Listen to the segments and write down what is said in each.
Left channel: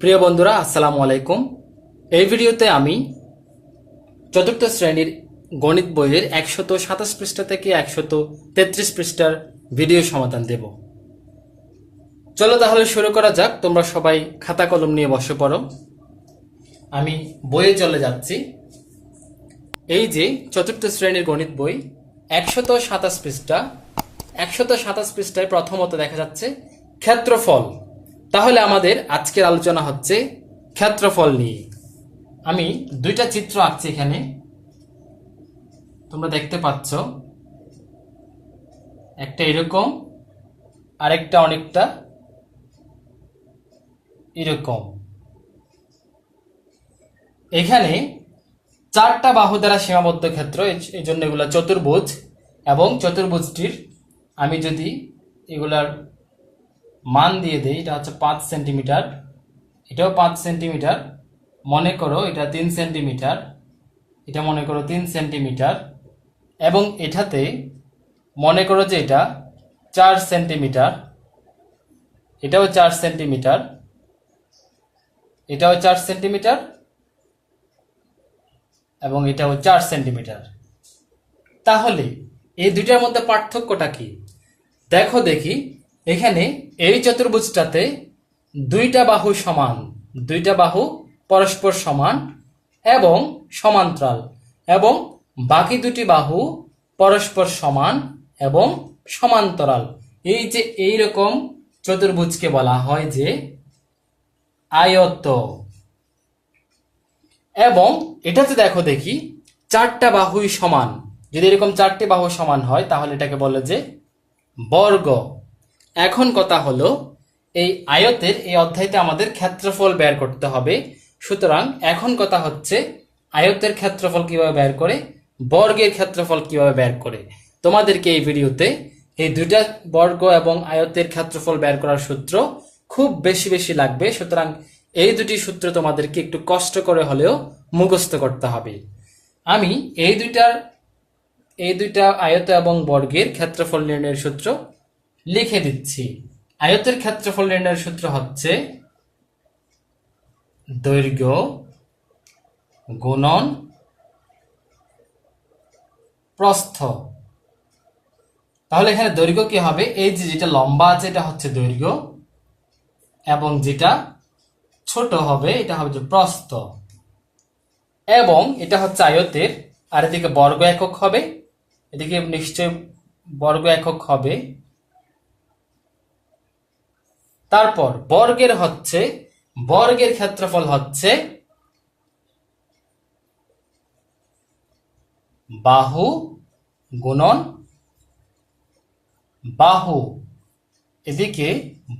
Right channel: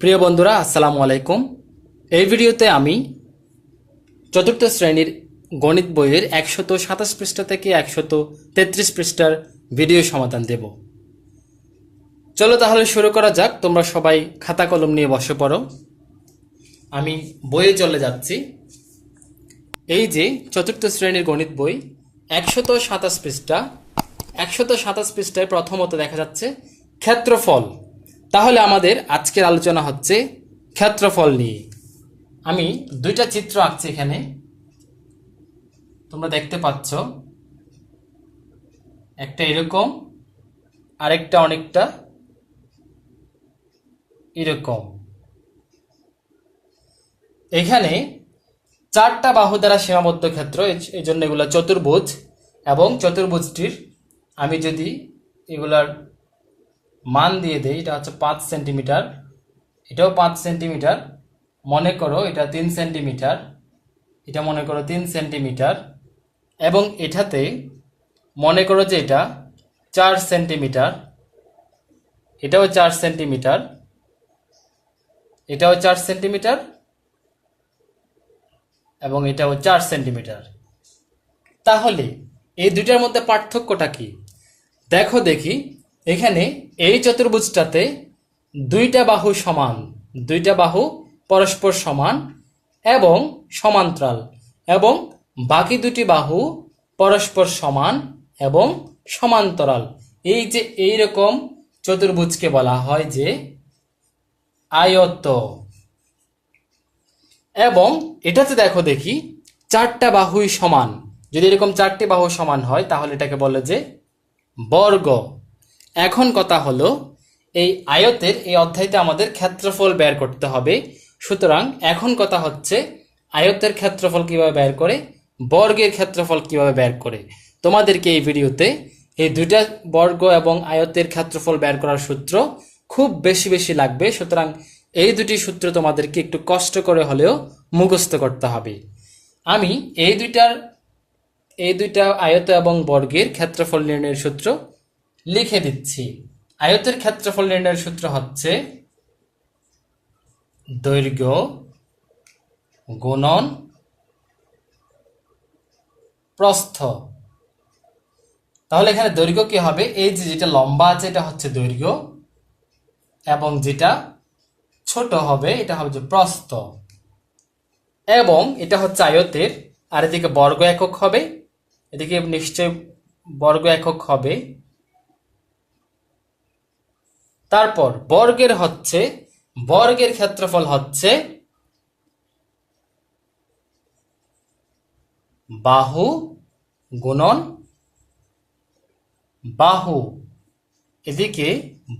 প্রিয় বন্ধুরা, আসসালামু আলাইকুম। এই ভিডিওতে আমি চতুর্থ শ্রেণীর গণিত বইয়ের 127 পৃষ্ঠা থেকে 133 পৃষ্ঠার ভিডিও সমাধান দেব। চলো তাহলে শুরু করা যাক। তোমরা সবাই খাতা কলম নিয়ে বসে পড়ো। আমি বইয়ে চলে যাচ্ছি। এই যে চতুর্থ শ্রেণীর গণিত বই 127 পৃষ্ঠা, 127 পৃষ্ঠায় প্রথমত দেখা যাচ্ছে ক্ষেত্রফল। তাহলে আমাদের আজকের আলোচনা হচ্ছে ক্ষেত্রফল নিয়ে। আমি দুইটা চিত্র আঁকছি এখানে, তোমরা দেখতে পাচ্ছ। একটা এরকম, আরেকটা অনেকটা এরকম। এখানে চারটা বাহু দ্বারা সীমাবদ্ধ ক্ষেত্র, এই জন্য এগুলো চতুর্ভুজ। এবং চতুর্ভুজটির আমি যদি এগুলার মান দিয়ে দেই, এটা হচ্ছে 5 সেন্টিমিটার, এটাও 5 সেন্টিমিটার, মনে করো এটা 3 সেন্টিমিটার, এটা মনে করো 3 সেন্টিমিটার, এবং এটাতে মনে করো যে এটা 4 সেন্টিমিটার, এটাও 4 সেন্টিমিটার, এটাও 4 সেন্টিমিটার, এবং এটাও 4 সেন্টিমিটার। তাহলে এই দুইটার মধ্যে পার্থক্যটা কি দেখো দেখি। এখানে এই চতুর্ভুজটাতে দুইটা বাহু সমান, দুইটা বাহু পরস্পর সমান এবং সমান্তরাল, এবং বাকি দুটি বাহু পরস্পর সমান এবং সমান্তরাল। এই যে এইরকম চতুর্ভুজকে বলা হয় যে আয়ত। এবং এটাতে দেখো দেখি চারটা বাহুই সমান। যদি এরকম চারটি বাহু সমান হয় তাহলে এটাকে বলে যে বর্গ। এখন কথা হলো, এই আয়তের এই অধ্যায়তে আমাদের ক্ষেত্রফল বের করতে হবে। সুতরাং এখন কথা হচ্ছে আয়তের ক্ষেত্রফল কিভাবে বের করে, বর্গের ক্ষেত্রফল কিভাবে বের করে। তোমাদেরকে এই ভিডিওতে এই দুইটা বর্গ এবং আয়তের ক্ষেত্রফল বের করার সূত্র খুব বেশি বেশি লাগবে। সুতরাং এই দুটি সূত্র তোমাদেরকে একটু কষ্ট করে হলেও মুখস্থ করতে হবে। আমি এই দুইটা আয়ত এবং বর্গের ক্ষেত্রফল নির্ণয়ের সূত্র লিখে দিচ্ছি। আয়তের ক্ষেত্রফল নির্ণয়ের সূত্র হচ্ছে দৈর্ঘ্য গুণন প্রস্থ। তাহলে এখানে দৈর্ঘ্য কি হবে, এই যে যেটা লম্বা আছে এটা হচ্ছে দৈর্ঘ্য, এবং যেটা ছোট হবে এটা হচ্ছে প্রস্থ। এবং এটা হচ্ছে আয়তের, আর এদিকে বর্গ একক হবে, এদিকে নিশ্চয় বর্গ একক হবে। তারপর বর্গের ক্ষেত্রফল হচ্ছে বাহু গুণন বাহু, এদিকে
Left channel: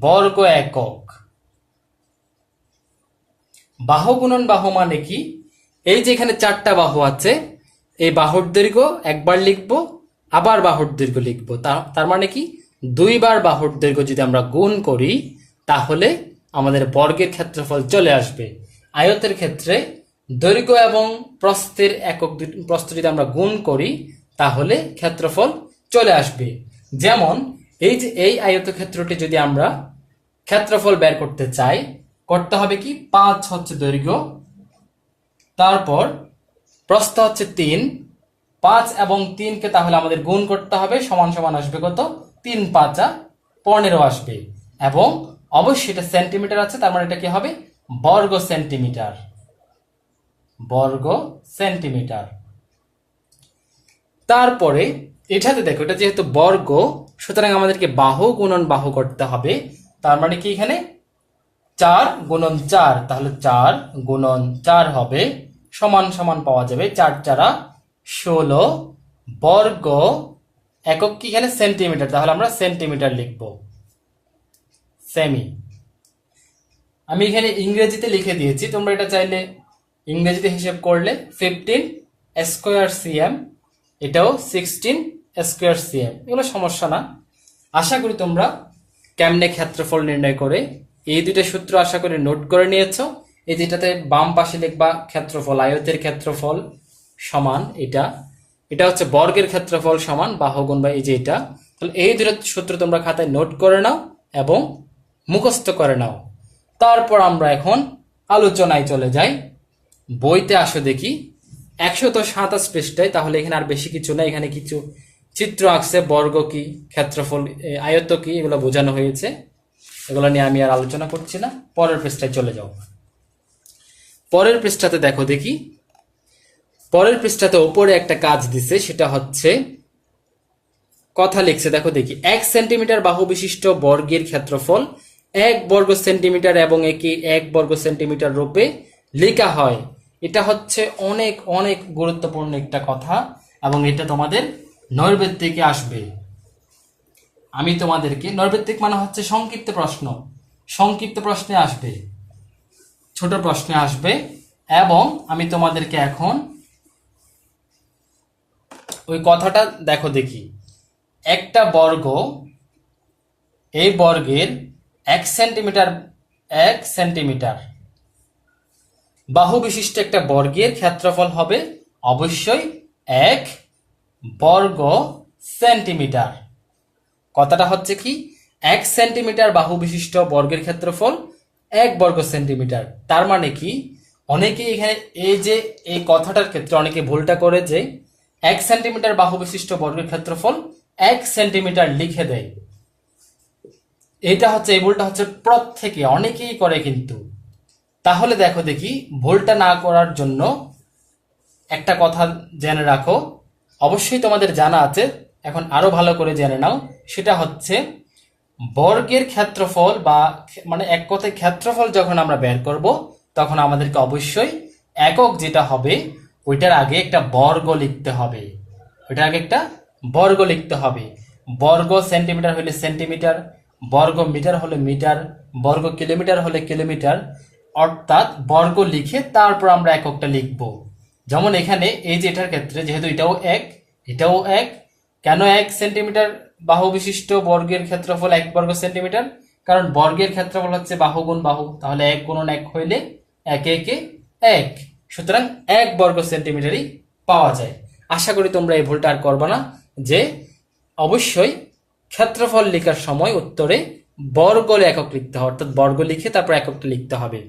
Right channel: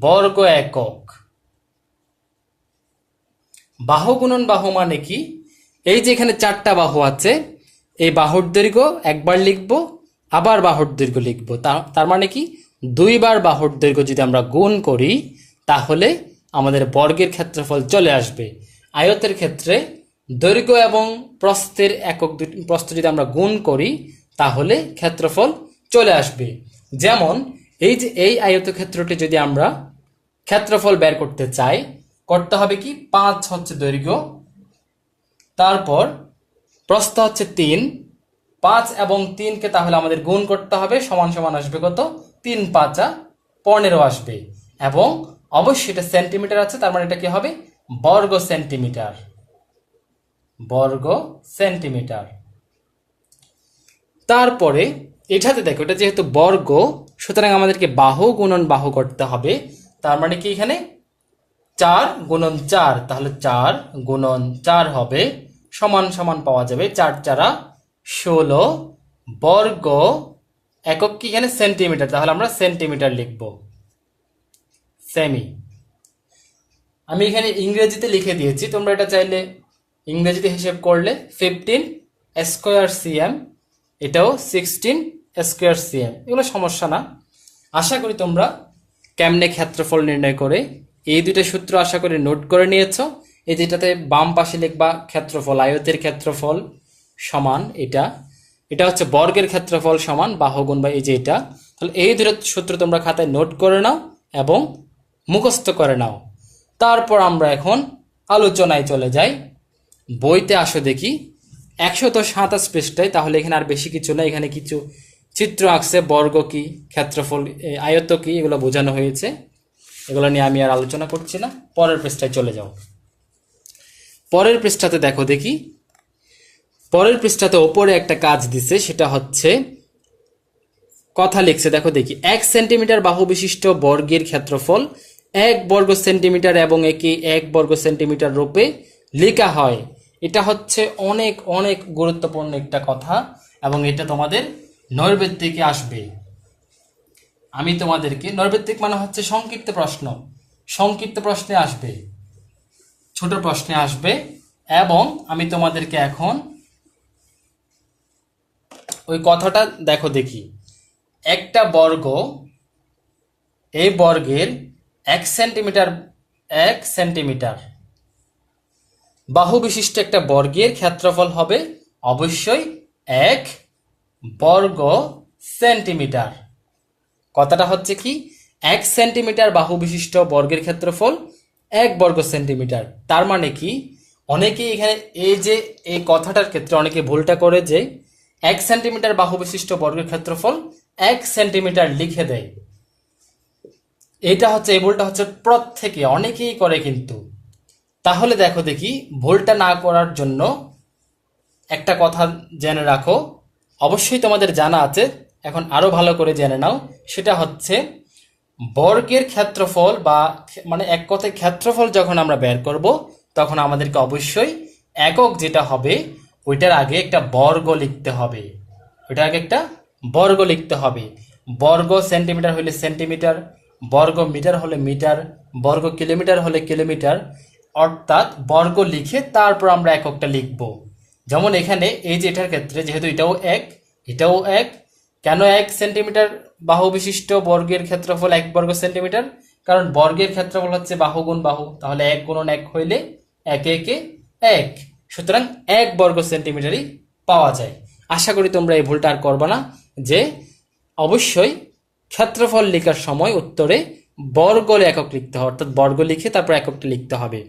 বর্গ একক। বাহু গুণন বাহু মানে কি, এই যে এখানে চারটা বাহু আছে, এই বাহুর দৈর্ঘ্য একবার লিখবো, আবার বাহুর দৈর্ঘ্য লিখবো। তার মানে কি, দুইবার বাহুর দৈর্ঘ্য যদি আমরা গুণ করি তাহলে আমাদের বর্গের ক্ষেত্রফল চলে আসবে। আয়তের ক্ষেত্রে দৈর্ঘ্য এবং প্রস্থের একক, প্রস্থ যদি আমরা গুণ করি তাহলে ক্ষেত্রফল চলে আসবে। যেমন এই যে এই আয়তক্ষেত্রটি যদি আমরা ক্ষেত্রফল বের করতে চাই, করতে হবে কি, 5 হচ্ছে দৈর্ঘ্য, তারপর প্রস্থ হচ্ছে 3, 5 এবং 3কে তাহলে আমাদের গুণ করতে হবে, সমান সমান আসবে কত, 3 5 15 আসবে। এবং অবশ্যই এটা সেন্টিমিটার আছে, তার মানে এটা কি হবে, বর্গ সেন্টিমিটার, বর্গ সেন্টিমিটার। তারপরে এটাতে দেখো, এটা যেহেতু বর্গ সুতরাং আমাদেরকে বাহু গুণন বাহু করতে হবে। তার মানে কি, এখানে 4 গুণন 4, তাহলে 4 গুণন 4 হবে, সমান সমান পাওয়া যাবে, 4 4 16 বর্গ একক কি এখানে সেন্টিমিটার, তাহলে আমরা সেন্টিমিটার লিখব, সেমি। আমি এখানে ইংরেজিতে লিখে দিয়েছি, তোমরা এটা চাইলে ইংরেজিতে হিসেব করলে 15 স্কয়ার সিএম, এটাও 16 স্কয়ার সিএম, এগুলো সমস্যা না। আশা করি তোমরা কেমনে ক্ষেত্রফল নির্ণয় করে এই দুইটা সূত্র আশা করি নোট করে নিয়েছো। এই যেটাতে বাম পাশে লিখবা ক্ষেত্রফল, আয়তের ক্ষেত্রফল সমান এটা হচ্ছে বর্গের ক্ষেত্রফল সমান বাহু গুণ বা এই যে এটা। তাহলে এই দুটো সূত্র তোমরা খাতায় নোট করে নাও এবং মুখস্থ করে নাও। তারপর আমরা এখন আলোচনায় চলে যাই। বইতে আসো দেখি 127 পৃষ্ঠায়। তাহলে এখানে আর বেশি কিছু না, এখানে কিছু চিত্র আঁকছে, বর্গ কি, ক্ষেত্রফল, আয়ত কি, এগুলো বোঝানো হয়েছে। এগুলো নিয়ে আমি আর আলোচনা করছি না। পরের পৃষ্ঠায় চলে যাও। পরের পৃষ্ঠাতে দেখো দেখি, পরের পৃষ্ঠাতে ওপরে একটা কাজ দিছে, সেটা হচ্ছে কথা লিখছে। দেখো দেখি, 1 সেন্টিমিটার বাহু বিশিষ্ট বর্গের ক্ষেত্রফল 1 বর্গ সেন্টিমিটার এবং একে 1 বর্গ সেন্টিমিটার রূপে লেখা হয়। এটা হচ্ছে অনেক অনেক গুরুত্বপূর্ণ একটা কথা এবং এটা তোমাদের নৈর্ব্যক্তিকে আসবে। আমি তোমাদেরকে, নৈর্ব্যক্তিক মানে হচ্ছে সংক্ষিপ্ত প্রশ্ন, সংক্ষিপ্ত প্রশ্নে আসবে, ছোট প্রশ্নে আসবে। এবং আমি তোমাদেরকে এখন ওই কথাটা দেখো দেখি, একটা বর্গ, এই বর্গের 1 সেন্টিমিটার 1 সেন্টিমিটার বাহু বিশিষ্ট একটা বর্গের ক্ষেত্রফল হবে অবশ্যই 1 বর্গ সেন্টিমিটার। কথাটা হচ্ছে কি, 1 সেন্টিমিটার বাহু বিশিষ্ট বর্গের ক্ষেত্রফল 1 বর্গ সেন্টিমিটার। তার মানে কি, অনেকে এখানে এই যে এই কথাটার ক্ষেত্রে অনেকে ভুলটা করে যে 1 সেন্টিমিটার বাহু বিশিষ্ট বর্গের ক্ষেত্রফল 1 সেন্টিমিটার লিখে দেয়। এটা হচ্ছে, এই ভুলটা হচ্ছে প্রত্যেকে অনেকেই করে কিন্তু। তাহলে দেখো দেখি, ভুলটা না করার জন্য একটা কথা জেনে রাখো, অবশ্যই তোমাদের জানা আছে, এখন আরো ভালো করে জেনে নাও। সেটা হচ্ছে বর্গের ক্ষেত্রফল বা মানে এক কথায় ক্ষেত্রফল যখন আমরা বের করব, তখন আমাদেরকে অবশ্যই একক যেটা হবে ওইটার আগে একটা বর্গ লিখতে হবে। ওইটার আগে একটা বর্গ লিখতে হবে। বর্গ সেন্টিমিটার হলে সেন্টিমিটার, বর্গ মিটার হলে মিটার, বর্গ কিলোমিটার হলে কিলোমিটার, অর্থাৎ বর্গ লিখে তারপর আমরা এককটা লিখব। যেমন এখানে এই যে এটার ক্ষেত্রে যেহেতু এটাও এক, এটাও এক, কেন 1 সেন্টিমিটার বাহু বিশিষ্ট বর্গের ক্ষেত্রফল 1 বর্গ সেন্টিমিটার? কারণ বর্গের ক্ষেত্রফল হচ্ছে বাহু গুণ বাহু, তাহলে 1 গুণন 1 হইলে 1 একে 1, সুতরাং 1 বর্গ সেন্টিমিটারই পাওয়া যায়। আশা করি তোমরা এই ভুলটা আর করবে না, যে অবশ্যই ক্ষেত্রফল লেখার সময় উত্তরে বর্গ একক লিখতে হবে, অর্থাৎ বর্গ লিখে তারপর এককটা লিখতে হবে।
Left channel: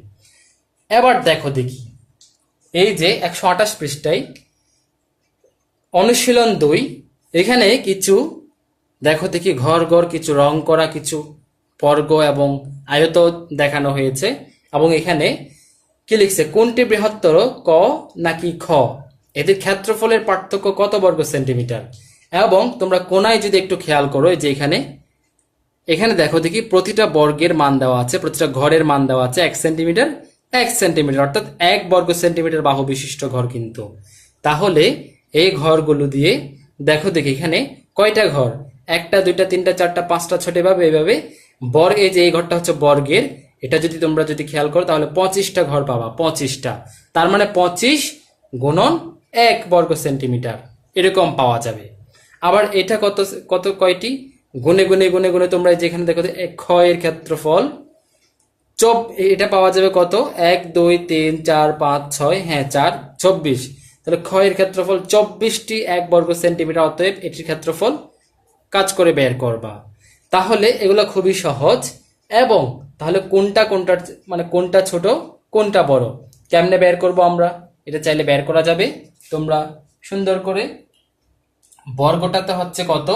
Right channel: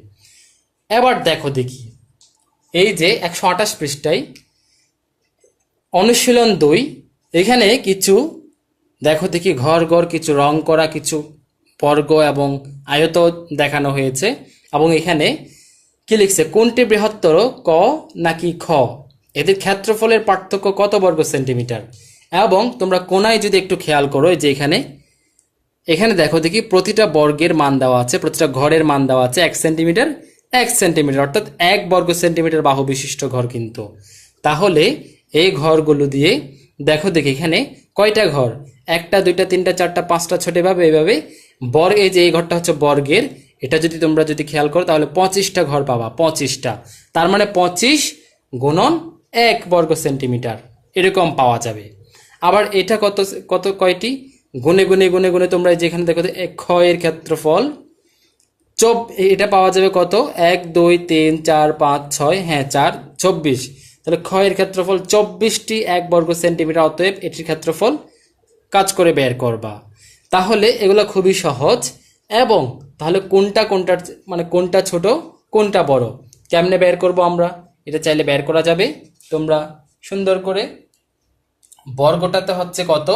এবার দেখো দেখি, এই যে 128 পৃষ্ঠায় অনুশীলন 2, এখানে কিছু দেখো দেখি ঘর ঘর কিছু রং করা কিছু বর্গ এবং আয়ত দেখানো হয়েছে। এবং এখানে কি লিখছে, কোনটি বৃহত্তর, ক নাকি খ, এদের ক্ষেত্রফলের পার্থক্য কত বর্গ সেন্টিমিটার। এবং তোমরা কোনায় যদি একটু খেয়াল করো, যে এখানে এখানে দেখো দেখি প্রতিটা বর্গের মান দেওয়া আছে, প্রতিটা ঘরের মান দেওয়া আছে 1 সেন্টিমিটার 1 সেন্টিমিটার, অর্থাৎ 1 বর্গ সেন্টিমিটার বাহু বিশিষ্ট ঘর কিন্তু। তাহলে এই ঘরগুলো দিয়ে দেখো দেখি এখানে কয়টা ঘর, 1টা 2টা 3টা 4টা 5টা 6টা, এভাবে এইভাবে বর্গ, এই যে এই ঘরটা হচ্ছে বর্গের, এটা যদি তোমরা যদি খেয়াল করো তাহলে 25টা ঘর পাবা, 25টা। তার মানে 25 গুণন 1 বর্গ সেন্টিমিটার এরকম পাওয়া যাবে। আবার এটা কত কত কয়টি, গুনে গুনে গুনে গুনে তোমরা যেখানে দেখো খ এর ক্ষেত্রফল এটা পাওয়া যাবে কত, 1 2 3 4 5 6, হ্যাঁ 4, 24। তাহলে খ এর ক্ষেত্রফল 24টি 1 বর্গ সেন্টিমিটার, অতএব এটির ক্ষেত্রফল কাজ করে বের করবা। তাহলে এগুলো খুবই সহজ। এবং তাহলে কোনটা কোনটা মানে কোনটা ছোট কোনটা বড় কেমনে বের করব আমরা, এটা চাইলে বের করা যাবে। তোমরা সুন্দর করে বর্গটাতে হচ্ছে কত,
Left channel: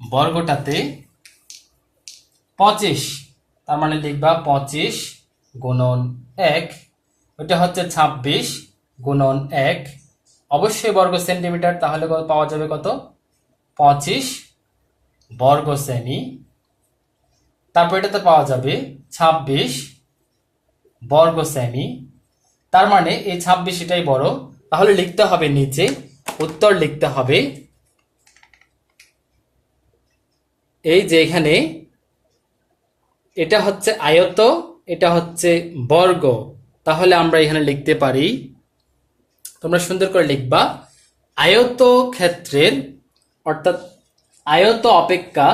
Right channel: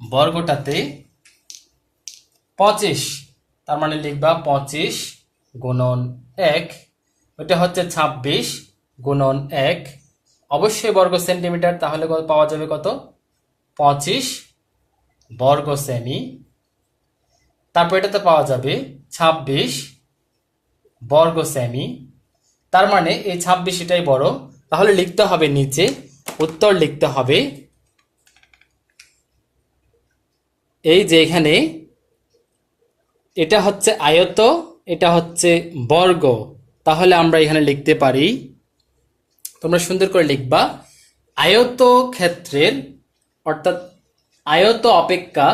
বর্গটাতে 25, তার মানে লিখবা 25 গুণন 1, ওটা হচ্ছে 26 গুণন 1, অবশ্যই বর্গ সেন্টিমিটার, তাহলে পাওয়া যাবে কত, 25 বর্গ সেমি। তারপর এটাতে পাওয়া যাবে 26 বর্গ সেমি, তার মানে এই 26 এটাই বড়। তাহলে লিখতে হবে নিচে, উত্তর লিখতে হবে এই যে এখানে এটা হচ্ছে আয়ত, এটা হচ্ছে বর্গ, তাহলে আমরা এখানে লিখতে পারি, তোমরা সুন্দর করে লিখবা, আয়ত ক্ষেত্রের অর্থাৎ আয়ত অপেক্ষা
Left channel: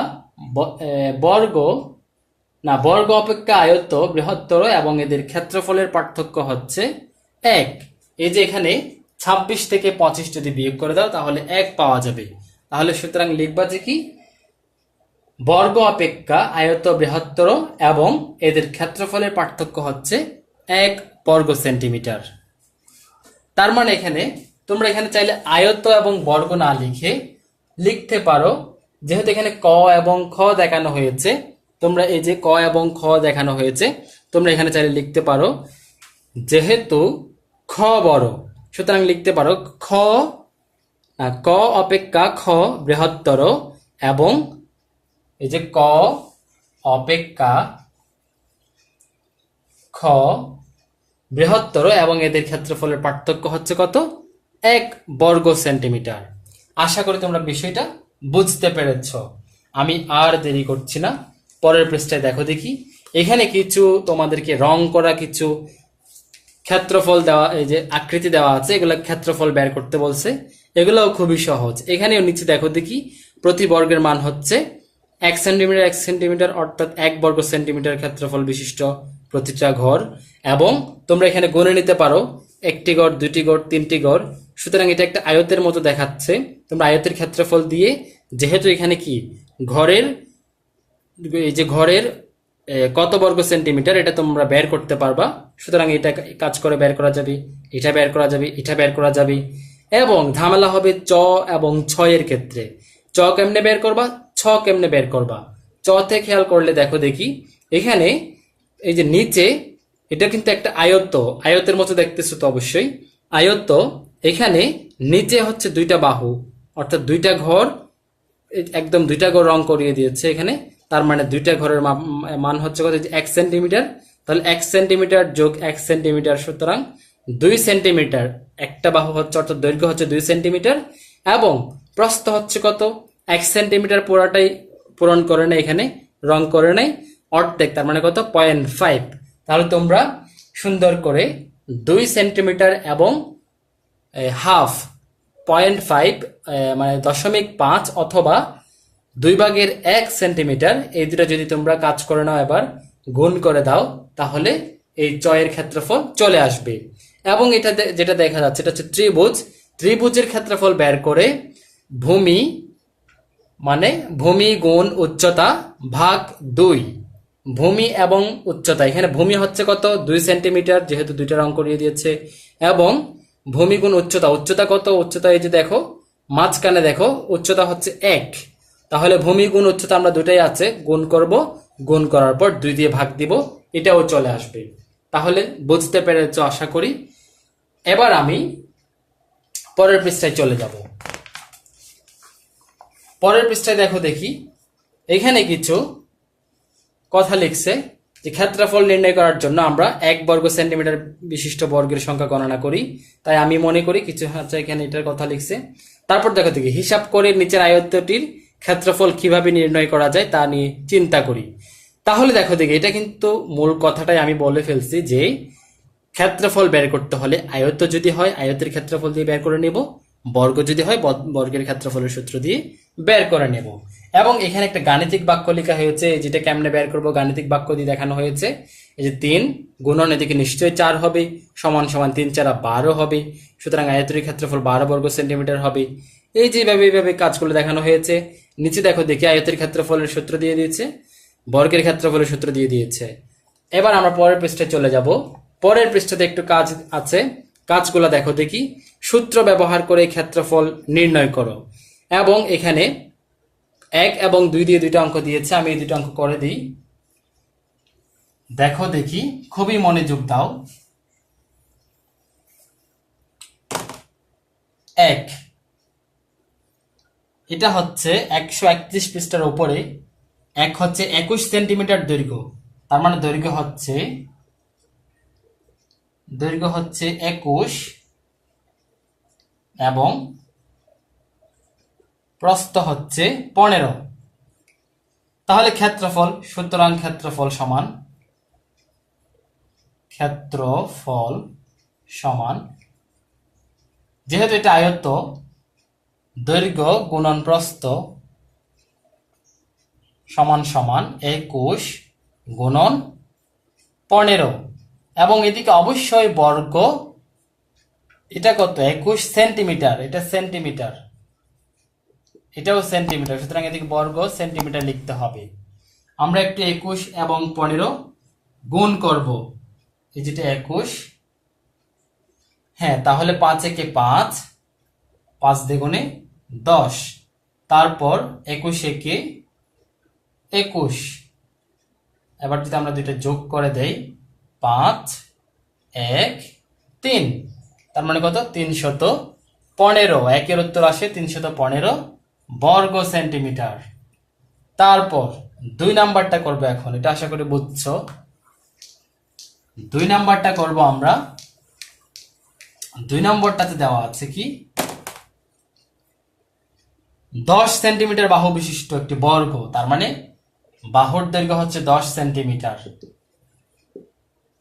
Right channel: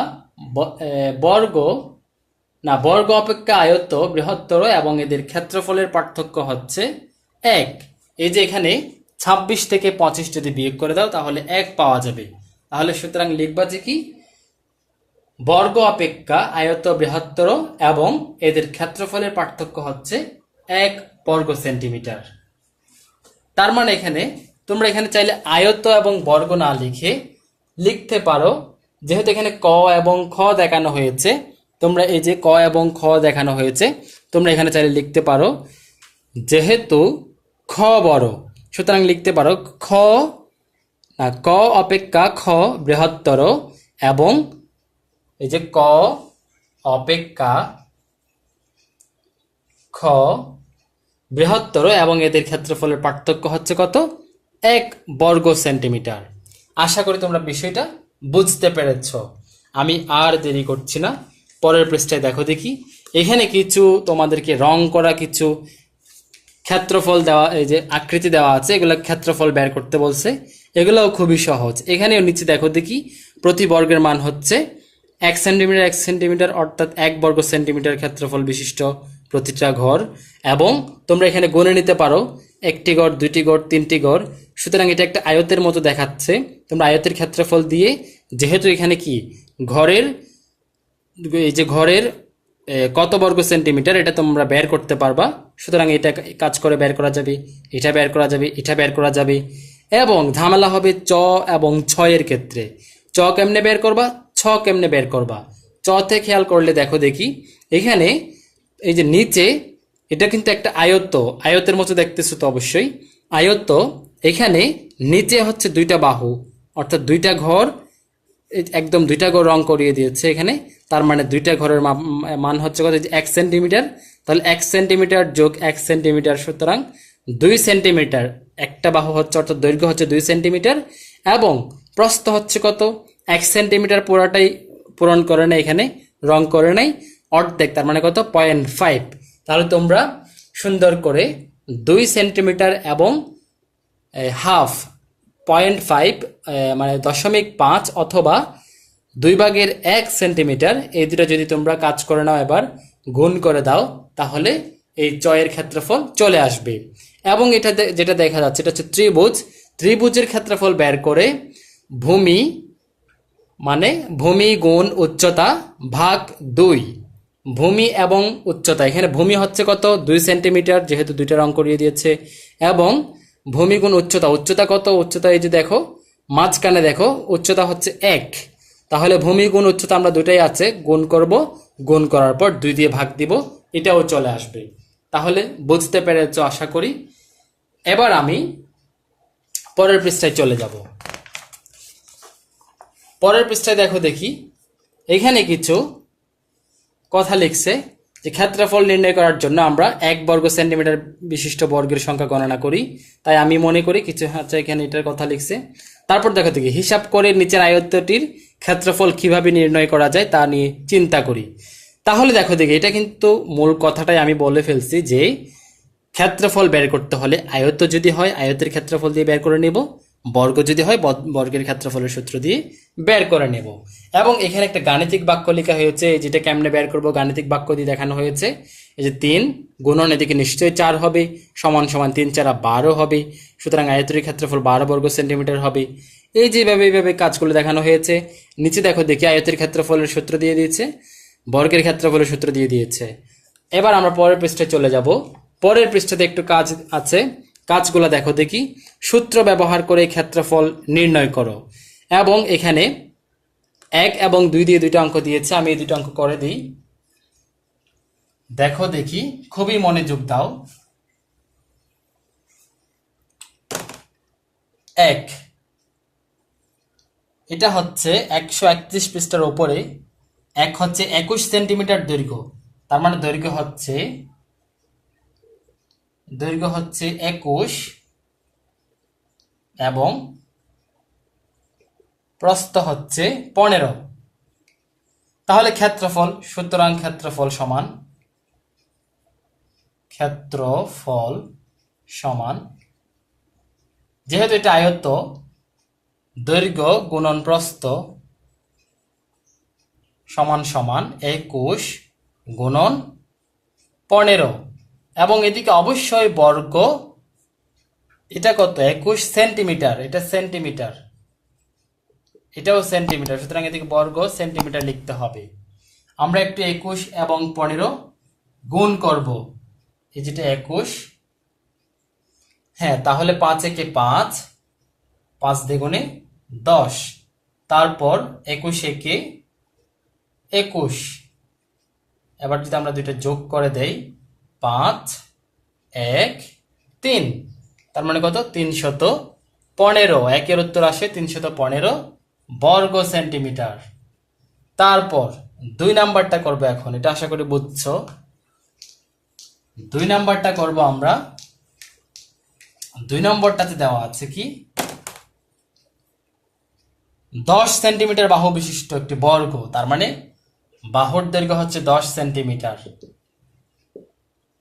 বর্গ না, বর্গ অপেক্ষা আয়ত বৃহত্তর এবং এদের ক্ষেত্রফলের পার্থক্য হচ্ছে 1। এই যে এখানে 26 থেকে 25 যদি বিয়োগ করে দাও তাহলে 1 পাওয়া যাবে। তাহলে সুতরাং লিখবা যে কি, বর্গ অপেক্ষা আয়ত বৃহত্তর এবং এদের ক্ষেত্রফলের পার্থক্য হচ্ছে 1 বর্গ সেন্টিমিটার। তার মানে এখানে তোমরা এখানে চাইলে আয়ত এবং বর্গ না লিখে লিখতে পারো, যেহেতু এখানে ক এবং খ দেখানো হয়েছে, তোমরা এই যে ক এবং খ দেখানো হয়েছে, তোমরা এখানে চাইলে লিখতে পারো যেহেতু খ বড়, সুতরাং লিখতে পারো ক অপেক্ষা খ বৃহত্তর এবং এই যে ক অপেক্ষা খ বৃহত্তর এবং এদের ক্ষেত্রফলের পার্থক্য হচ্ছে কত? 1 বর্গ সেন্টিমিটার। আশা করি তোমরা বিষয়টা বুঝতে পেরেছ। আমি আর দেরি করছি না, পরের পৃষ্ঠায় দেখো দেখি। এখানে কিছু তোমাদেরকে রং করা কিছু ক্ষেত্রফল দেওয়া, এই যে আকৃতি দেওয়া আছে, এগুলো ক্ষেত্রফল বের করতে বলছে। এগুলোও খুবই সহজ। এখানেও নিচে দেখো দেখি, প্রতি বর্গের মান হচ্ছে 1 সেন্টিমিটার 1 সেন্টিমিটার, অর্থাৎ 1 বর্গ সেন্টিমিটার ক্ষেত্রফল বিশিষ্ট প্রতিটা ঘর। এবং তোমরা এখানে গুণে নিতে পারো, একটি ঘর, দুইটি ঘর, তিনটি ঘর। সুতরাং এটা একটা আয়তের মতো দেখাচ্ছে। তোমরা আয়তের ক্ষেত্রফল দিয়ে, যেহেতু এখানে কি ঘরের, এই যে ঘরের কত বর্গ সেন্টিমিটার এটা তোমরা বের করতে পারবা। সুতরাং এটা কাজ করে বের করা যাবে, এটা বের করা যাবে, এটা বের করা যাবে। এবং ঝামেলা হবে চ এবং ছয়ের ক্ষেত্রে। চ কেমনে বের করবা, ছ কেমনে বের করবা। চতে খেয়াল করলে দেখো দেখি, এখানে এই যে নিচে এটা কিন্তু একটা আয়ত্ত, আয়তের মতো দেখতেছো তো অবশ্যই আয়ত্ত। এখানে নিচে হচ্ছে দুইটা বাহু, অর্থাৎ দুইটা ঘর, একদম দুইটা ঘর রং করিয়ে দিয়েছে এখানে। তার মানে দুইটা ঘরের মান হচ্ছে কত? 1 সেন্টিমিটার। তাহলে 1 সেন্টিমিটার যোগ 1 সেন্টিমিটার, সুতরাং 2 সেন্টিমিটার। একটা বাহু হচ্ছে, অর্থাৎ দৈর্ঘ্য হচ্ছে 2 সেন্টিমিটার এবং প্রস্থ হচ্ছে কত? 1 সেন্টিমিটার। পুরোটাই পূরণ করে নেই, এখানে রং করে নেই, অর্ধেক, তার মানে কত? 0.5। তাহলে তোমরা সুন্দর করে 2 সেন্টিমিটার এবং হাফ 0.5 মানে 0.5 অথবা 2/1 সেন্টিমিটার, এই দুটো যদি তোমরা কাজ করে নাও, এবার গুণ করে দাও, তাহলে এই চয়ের ক্ষেত্রফল চলে আসবে। এবং এটা যেটা দেখা যাচ্ছে এটা হচ্ছে ত্রিভুজ। ত্রিভুজের ক্ষেত্রফল বের করে ভূমি মানে ভূমি গুণ উচ্চতা ভাগ 2। ভূমি এবং উচ্চতা, এখানে ভূমি হচ্ছে কত? 2 সেন্টিমিটার, যেহেতু দুইটা রং করিয়ে দিয়েছে। এবং ভূমি গুণ উচ্চতা, উচ্চতা কত? উচ্চতা এই যে দেখো মাঝখানে দেখো, উচ্চতা হচ্ছে 1। তাহলে ভূমি গুণ উচ্চতা আমরা দুটাই আছে, গুণ করব, গুণ করার পর 2 দিয়ে ভাগ দিব, এটাও চলে আসবে। তাহলে বুঝতে পেরেছ আশা করি। এবার আমি পরের পৃষ্ঠায় চলে যাব। পরের পৃষ্ঠায় দেখো দেখি, এখানে কিছু কথা লিখছে যে ক্ষেত্রফল নির্ণয় করার জন্য আমরা 1 বর্গ সেন্টিমিটার বিশিষ্ট বর্গের সংখ্যা গণনা করি। তাই আমি মনে করি কিছু হচ্ছে এখানে এটার কথা লিখছে। তারপর দেখো দেখি, হিসাব করে নিচের আয়তটির ক্ষেত্রফল কিভাবে নির্ণয় করা যায় তা নিয়ে চিন্তা করি। তাহলে দেখো দেখি, এটা কিন্তু মূল কথাটাই আমি বলে ফেলছি যে ক্ষেত্রফল বের করতে হলে আয়ত যদি হয় আয়তের ক্ষেত্রফল দিয়ে বের করে নেব, বর্গ যদি হয় বর্গের ক্ষেত্রফলের সূত্র দিয়ে বের করে নেব। এবং এখানে একটা গাণিতিক বাক্য লেখা হয়েছে, যেটা কেমনে বের করব গাণিতিক বাক্য দিয়ে দেখানো হয়েছে। এই যে 3 গুণন, এদিকে নিশ্চয়ই 4 হবে, সমান সমান 3 4 12 হবে। সুতরাং আয়তের ক্ষেত্রফল 12 বর্গ সেন্টিমিটার হবে। এই যেভাবে এইভাবে কাজগুলো দেখানো হয়েছে। নিচে দেখো দেখি, আয়তের ক্ষেত্রফলের সূত্র দিয়ে দিয়েছে, বর্গের ক্ষেত্রফলের সূত্র দিয়ে দিয়েছে। এবার আমরা পরের পৃষ্ঠায় চলে যাব। পরের পৃষ্ঠাতে একটু কাজ আছে, কাজগুলো দেখো দেখি। সূত্র ব্যবহার করে ক্ষেত্রফল নির্ণয় করো। এবং এখানে 1 এবং 2 দিয়ে দুইটা অঙ্ক দিয়েছে, আমি এই দুটো অঙ্ক করে দিই। দেখো দেখি, খুবই মনোযোগ দাও। 1, এটা হচ্ছে 131 পৃষ্ঠার উপরে। 1 হচ্ছে 21 সেন্টিমিটার দৈর্ঘ্য, তার মানে দৈর্ঘ্য হচ্ছে 21 এবং প্রস্থ হচ্ছে 15। তাহলে ক্ষেত্রফল, সুতরাং ক্ষেত্রফল সমান, যেহেতু এটা আয়ত্ত, দৈর্ঘ্য গুণন প্রস্থ সমান 21 গুণন 15। এবং এদিকে অবশ্যই বর্গ, এটা কত? 21 সেন্টিমিটার, এটা সেন্টিমিটার, এটাও সেন্টিমিটার, সুতরাং এদিকে বর্গ সেন্টিমিটার লিখতে হবে। আমরা একটু 21 এবং 15 গুণ করব, এই যেটা 21, হ্যাঁ তাহলে 5 একে 5, 5 দ্বিগুণে 10, তারপর 21 একে 21, এবার যদি আমরা দুইটা যোগ করে দেই 5 1 3, তার মানে কত 315, একের উত্তর আসে 315 বর্গ সেন্টিমিটার। তারপর 2 নাম্বারটা করব, এখন এটা আশা করি বুঝছো। 2 নাম্বারটা করব আমরা, 2 নম্বরটাতে দেওয়া আছে কি 10 সেন্টিমিটার বাহু বিশিষ্ট একটি বর্গ, তার মানে বাহুর দৈর্ঘ্য হচ্ছে 10 সেন্টিমিটার।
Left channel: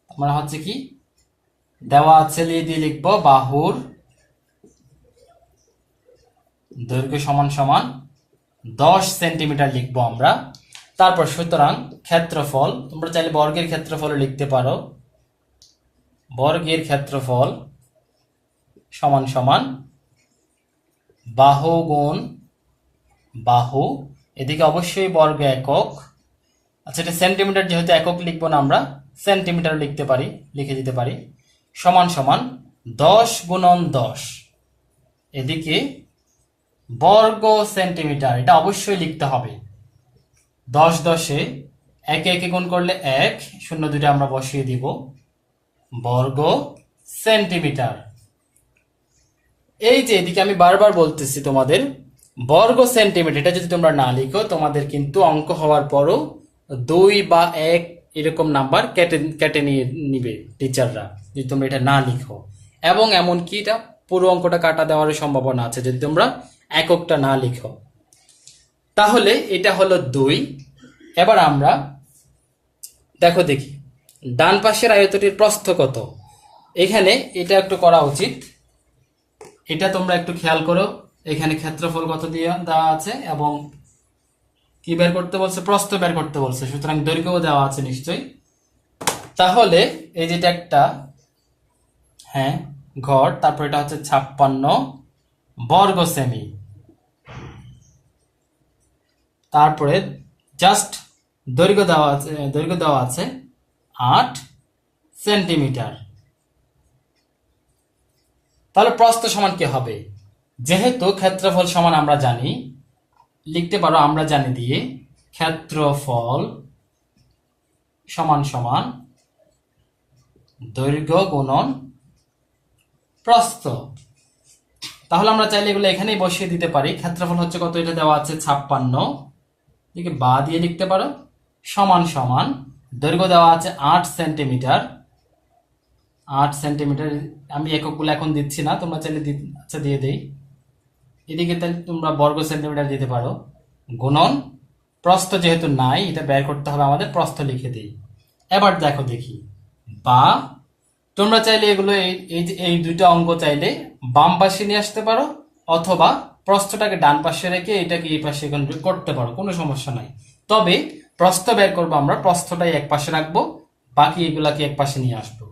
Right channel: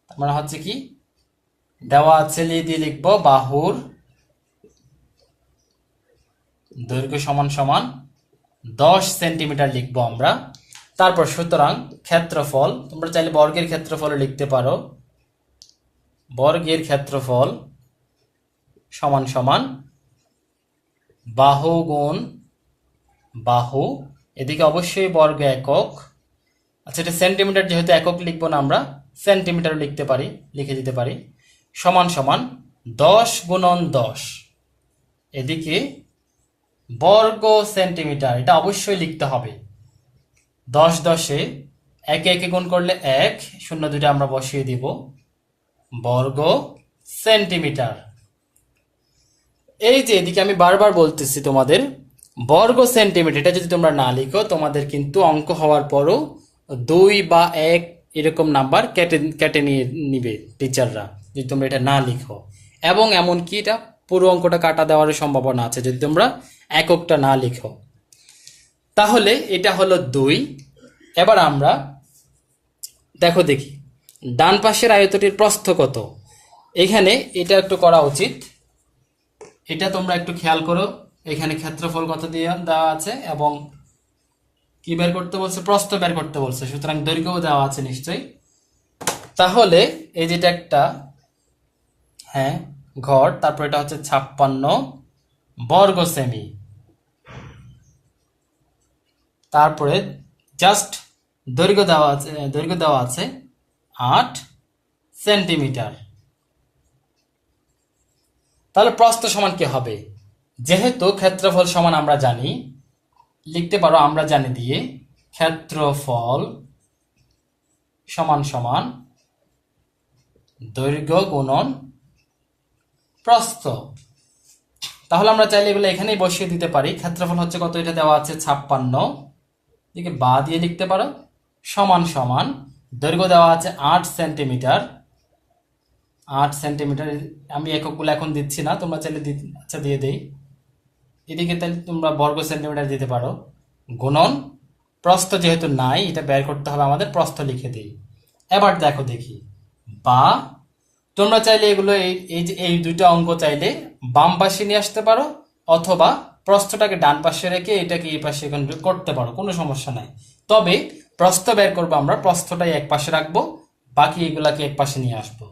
তার মানে হচ্ছে কি দেওয়া আছে দিয়ে লিখবো বাহুর দৈর্ঘ্য সমান সমান 10 সেন্টিমিটার লিখবো আমরা। তারপর সুতরাং ক্ষেত্রফল, তোমরা চাইলে বর্গের ক্ষেত্রফলও লিখতে পারো, বর্গের ক্ষেত্রফল সমান সমান বাহু গুণ বাহু, এদিকে অবশ্যই বর্গ একক, আচ্ছা এটা সেন্টিমিটার যেহেতু একক লিখবো না আমরা সেন্টিমিটার লিখতে পারি, লিখে দিতে পারি, সমান সমান 10 গুণন 10, এদিকে বর্গ সেন্টিমিটার, এটা অবশ্যই লিখতে হবে। 10 10-এ একে একে গুণ করলে 1, 0 দুইটা আমরা বসিয়ে দিব, বর্গ সেন্টিমিটার। এই যে এদিকে আমি বারবার বলতেছি তোমাদের বর্গ সেন্টিমিটার, এটা যদি তোমরা না লিখো তোমাদের কিন্তু অঙ্ক হওয়ার পরও 2 বা 1 এরকম নাম্বার কেটে নিয়ে নিবে টিচাররা, যদি তোমরা এটা না লিখো। এবং এমনকি এটা পুরো অঙ্কটা কাটা দেওয়ার সম্ভাবনা আছে যদি তোমরা এককটা না লিখো। তাহলে এটা হলো 2। এবার আমরা দেখি ডান পাশের আয়তটির প্রস্থ কত। এখানে এটা একটু করা উচিত, এটা তোমরা একটু খেয়াল করো, এখানে ক্ষেত্রফল কত দিয়ে দেওয়া আছে এবং কি বের করতে বলছে, প্রস্থ বের করতে বলছে, সুতরাং দৈর্ঘ্য দেওয়া আছে নিশ্চয়ই। তাহলে এই যেটা একটা হ্যাঁ ঘর, তারপর এটা হচ্ছে 56 বর্গ সেমি, তারপরে জাস্ট দৈর্ঘ্য দেওয়া আছে 8 সেন্টিমিটার। তাহলে প্রস্থ সমান কি হবে, যেহেতু ক্ষেত্রফল সমান আমরা জানি, লিখতে পারো আমরা জানি দিয়ে ক্ষেত্রফল সমান সমান দৈর্ঘ্য গুণন প্রস্থ। তাহলে আমরা চাইলে এগুলো এখানেই বসিয়ে দিতে পারি। ক্ষেত্রফল হচ্ছে কত, এটা দেওয়া আছে 56, দিকে বা দিয়ে লিখতে পারো, সমান সমান দৈর্ঘ্য দেওয়া আছে 8 সেন্টিমিটার, 8 সেন্টিমিটার, আমি এককগুলো এখন দিচ্ছি না, তোমরা চাইলে আচ্ছা দিয়ে দেই, এদিকে তাহলে তোমরা বর্গ সেন্টিমিটার দিতে পারো, গুণন প্রস্থ যেহেতু নাই এটা বের করতে হবে আমাদের, প্রস্থ লিখে দেই। এবার দেখি বা তোমরা চাইলে এগুলো এই দুইটা অঙ্ক চাইলে বাম পাশে নিয়ে আসতে পারো, অথবা প্রস্থটাকে ডান পাশে রেখে এটাকে এই পাশে করতে পারো, কোনো সমস্যা নাই। তবে প্রস্থ বের করবো আমরা, প্রস্থটাই এক পাশে রাখবো, বাকি এগুলাকে এক পাশে নিয়ে আসবো।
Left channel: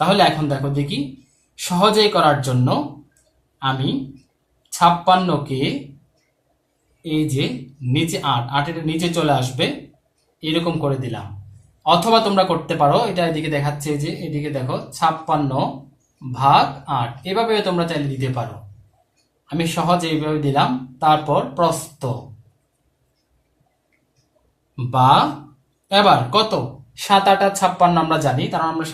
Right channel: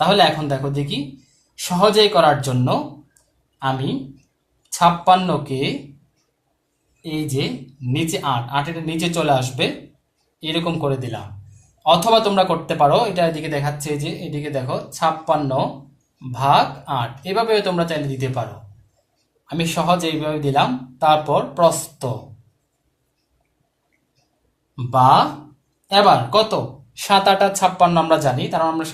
তাহলে এখন দেখি সহজেই করার জন্য আমি 56কে এই যে নিচে 8 এটা নিচে চলে আসবে এরকম করে দিলাম, অথবা তোমরা করতে পারো এটা এদিকে দেখাচ্ছে যে এদিকে দেখো 56 ভাগ 8, এভাবে তোমরা চাইলে দিতে পারো, আমি সহজে এইভাবে দিলাম। তারপর প্রস্থ বা এবার কত 7 8 56 আমরা জানি, কারণ আমরা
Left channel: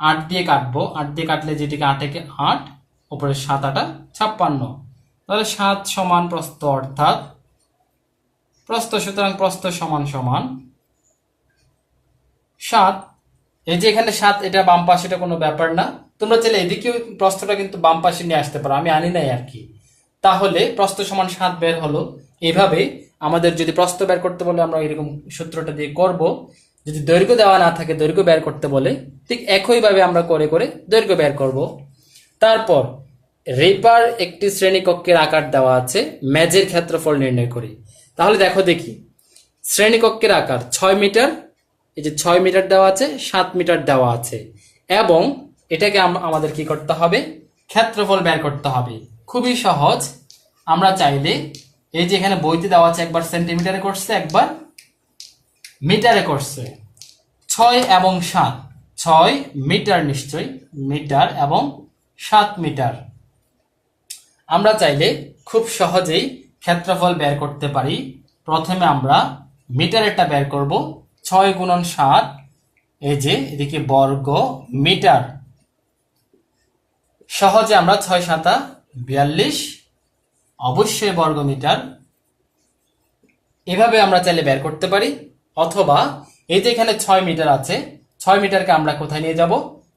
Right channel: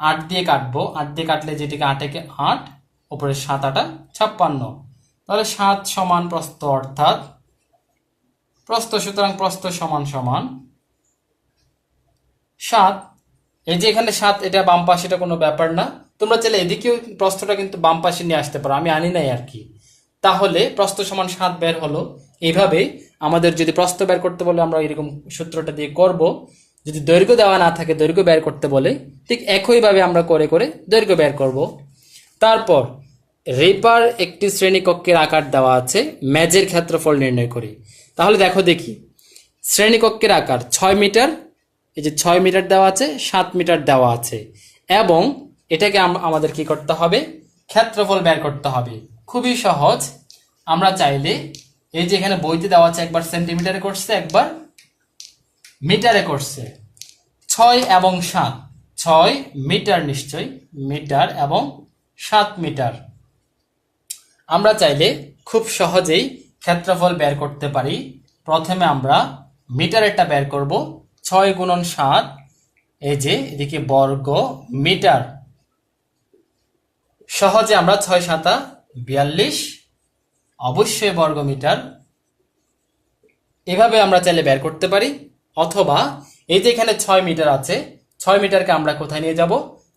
8 দিয়ে কাটবো, 8 দিয়ে কাটলে যেটিকে 8 একে 8, উপরে 7 8 56, তাহলে 7 সমান প্রস্থ, অর্থাৎ প্রস্থ, সুতরাং প্রস্থ সমান সমান 7। এই যে এখানে 7 এটা বাম পাশে, এটা কোনো ব্যাপার না, তোমরা চাইলে এদিকেও প্রস্থটা কিন্তু বাম পাশে নিয়ে আসতে পারো, আমি আনি নাই আর কি। তাহলে প্রস্থ সমান 7 বের হলো। এইভাবে আমাদের যদি প্রস্থ বের করতে বলে আমরা এরকম সূত্রটা দিয়ে করব, যদি দৈর্ঘ্য দেওয়া না থাকে দৈর্ঘ্য বের করতে বলে ঠিক একইভাবে আমরা করে দৈর্ঘ্য বের করব। তারপর রেপার একটি শ্রেণীকক্ষের আকার দেওয়া আছে, মেজের ক্ষেত্রফল নির্ণয় করি। তাহলে দেখি শ্রেণীকক্ষের আকার 6 মিটার, এই যে 6 মিটার দেওয়া আছে, 7 মিটার দেওয়া আছে, এবং এটাকে আমাদের কি করতে হবে, ক্ষেত্রফল বের করতে হবে। খুবই সহজ, আমরা চাইলে এই যে এখানে বইতে দেওয়া আছে একবার সেন্টিমিটারে করছে, একবার মিটারে করছে। 6 এবং 7, 6 মিটার, নিশ্চয় মিটার, এবং 7 মিটার। আমরা চাইলে খুব সহজেই ক্ষেত্রফল বের করতে পারি। প্রথমে আমরা মিটারেরটা বের করব। 6 গুণন 7, এই যে এদিকে বর্গ মিটার। সহজে আমরা 6 7 42, অবশ্যই বর্গ মিটার। এভাবে আমরা চাইলে বের করতে পারি। অথবা এই যে এখানে 6 মিটার আছে, 6 মিটারকে আমরা কোথায় নিয়ে যাব?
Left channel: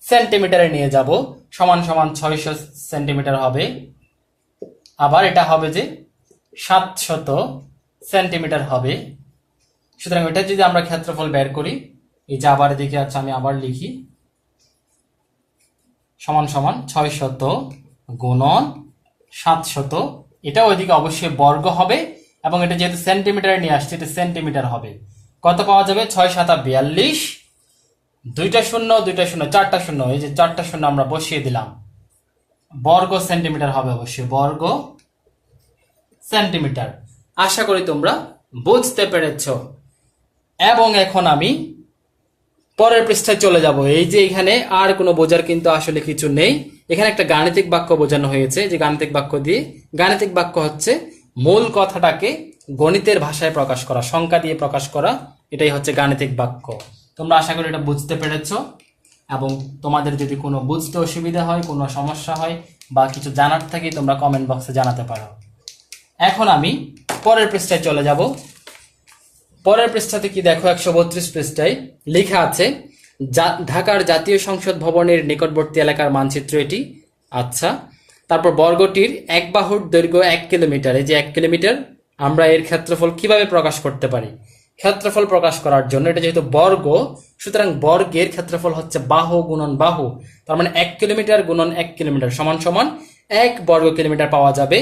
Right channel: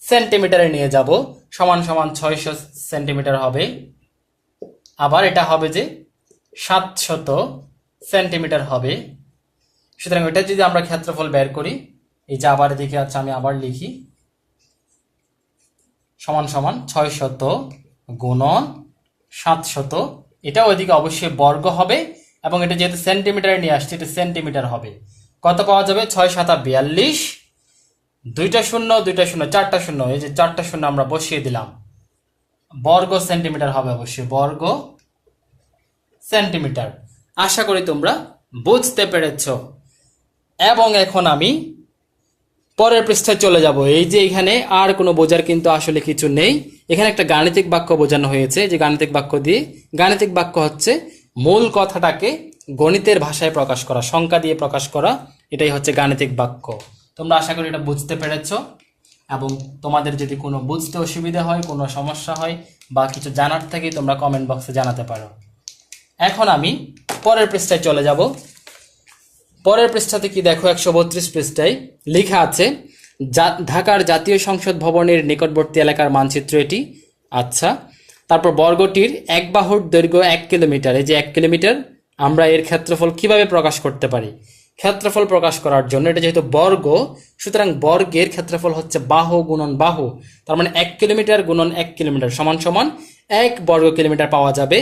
সেন্টিমিটারে নিয়ে যাব। সমান সমান 600 সেন্টিমিটার হবে। আবার এটা হবে যে 700 সেন্টিমিটার হবে। সুতরাং এটা যদি আমরা ক্ষেত্রফল বের করি, এই যে আবার এদিকে আছে, আমি আবার লিখি, সমান সমান 600 গুণন 700। এটা ওইদিকে অবশ্যই বর্গ হবে, এবং এটা যেহেতু সেন্টিমিটারে নিয়ে আসছে, এটা সেন্টিমিটার হবে। কত পাওয়া যাবে? 6 7 42, দুইটা শূন্য, দুইটা শূন্য, চারটা শূন্য, এই যে চারটা শূন্য আমরা বসিয়ে দিলাম। বর্গ সেন্টিমিটার হবে, অবশ্যই বর্গ সেন্টিমিটার। আশা করি তোমরা বুঝতে পেরেছ। এবং এখন আমি পরের পৃষ্ঠায় চলে যাব। এই যে এখানে আর কোনো বোঝার কিন্তু আসলে কিছু নেই। এখানে একটা গাণিতিক বাক্য বোঝানো হয়েছে, যে গাণিতিক বাক্য দিয়ে, গাণিতিক বাক্য হচ্ছে মূল কথাটাকে গণিতের ভাষায় প্রকাশ করা, সংখ্যা দিয়ে প্রকাশ করা, এটাই হচ্ছে গাণিতিক বাক্য। তোমরা আশা করি এটা বুঝতে পেরেছ। এবং তোমাদের যদি কোনো বুঝতে অসুবিধা হয়, কোনো সমস্যা হয়, বা কিছু জানার থাকে, তোমরা কমেন্ট বক্সে জানাতে পারো। এখন আমি পরের পৃষ্ঠায় চলে যাব। পরের পৃষ্ঠাতে কি দেখো, 132 পৃষ্ঠায় লেখা আছে ঢাকার জাতীয় সংসদ ভবনের নিকটবর্তী এলাকার মানচিত্র এটি। আচ্ছা, তারপর বর্গটির এক বাহুর দৈর্ঘ্য 1 কিলোমিটার। এই যে 1 কিলোমিটার, আমরা এর ক্ষেত্রফল কিভাবে প্রকাশ করতে পারি? ক্ষেত্রফল প্রকাশ করার জন্য, এটা যেহেতু বর্গ, সুতরাং বর্গের ক্ষেত্রফল হচ্ছে বাহু গুণন বাহু। তার মানে 1 কিলোমিটার গুণন 1 কিলোমিটার সমান সমান 1 বর্গ কিলোমিটার পাওয়া যাবে।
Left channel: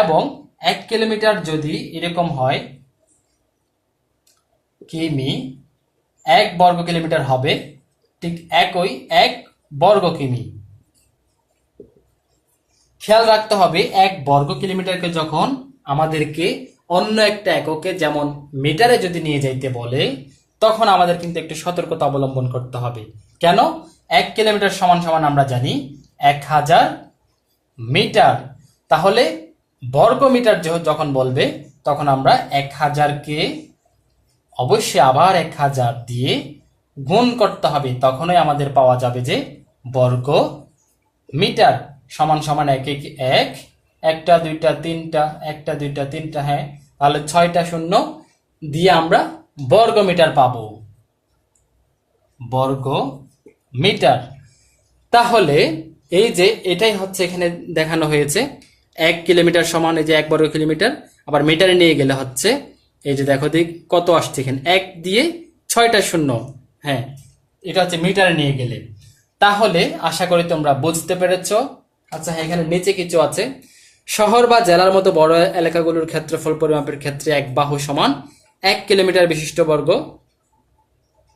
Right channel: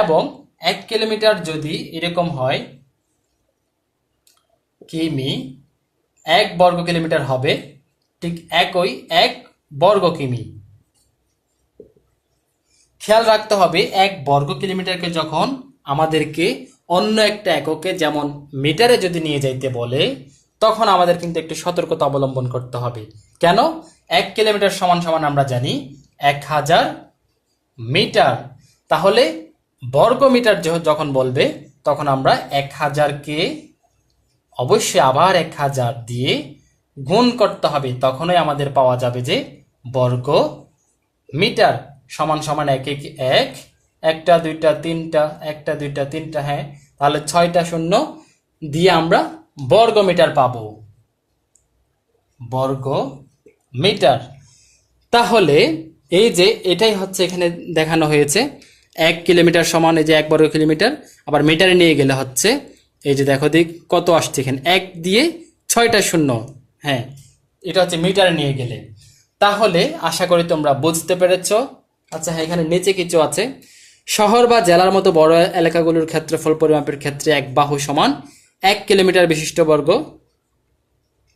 এবং 1 কিলোমিটার যদি এরকম হয় কিমি, 1 বর্গ কিলোমিটার হবে ঠিক একই 1 বর্গ কিমি। খেয়াল রাখতে হবে, 1 বর্গ কিলোমিটারকে যখন আমাদেরকে অন্য একটা এককে, যেমন মিটারে যদি নিয়ে যাইতে বলে, তখন আমাদের কিন্তু একটু সতর্কতা অবলম্বন করতে হবে। কেন? 1 কিলোমিটার সমান সমান আমরা জানি 1000 মিটার। তাহলে বর্গ মিটার যখন বলবে, তখন আমরা 1000কে অবশ্যই আবার 1000 দিয়ে গুণ করতে হবে, তখনই আমাদের পাওয়া যাবে যে বর্গ মিটার সমান সমান 1 1 1, একটা দুইটা তিনটা, একটা দুইটা তিনটা, হ্যাঁ, তাহলে 6টা শূন্য দিয়ে আমরা বর্গ মিটার পাবো, বর্গ মিটার। তাহলে এই যে এটাই হচ্ছে এখানে দেখানো হয়েছে, 1 কিলোমিটার সমান এই যে 1 বর্গ কিলোমিটার। আবার মিটারে নিয়ে গেলে হচ্ছে, এই যে দেখো দিক কত আসছে এখানে, 1 দিয়ে 6টা শূন্য, হ্যাঁ, এটা হচ্ছে মিটারে নিয়ে গেলে। তাহলে আশা করি তোমরা বুঝতে পেরেছ। আচ্ছা, হ্যাঁ, এখানে নিচে কিছু আছে। শহর বা জেলার মতো বড় এলাকাগুলোর ক্ষেত্রফল পরিমাপের ক্ষেত্রে এক বাহু সমান 1 কিলোমিটার বিশিষ্ট বর্গ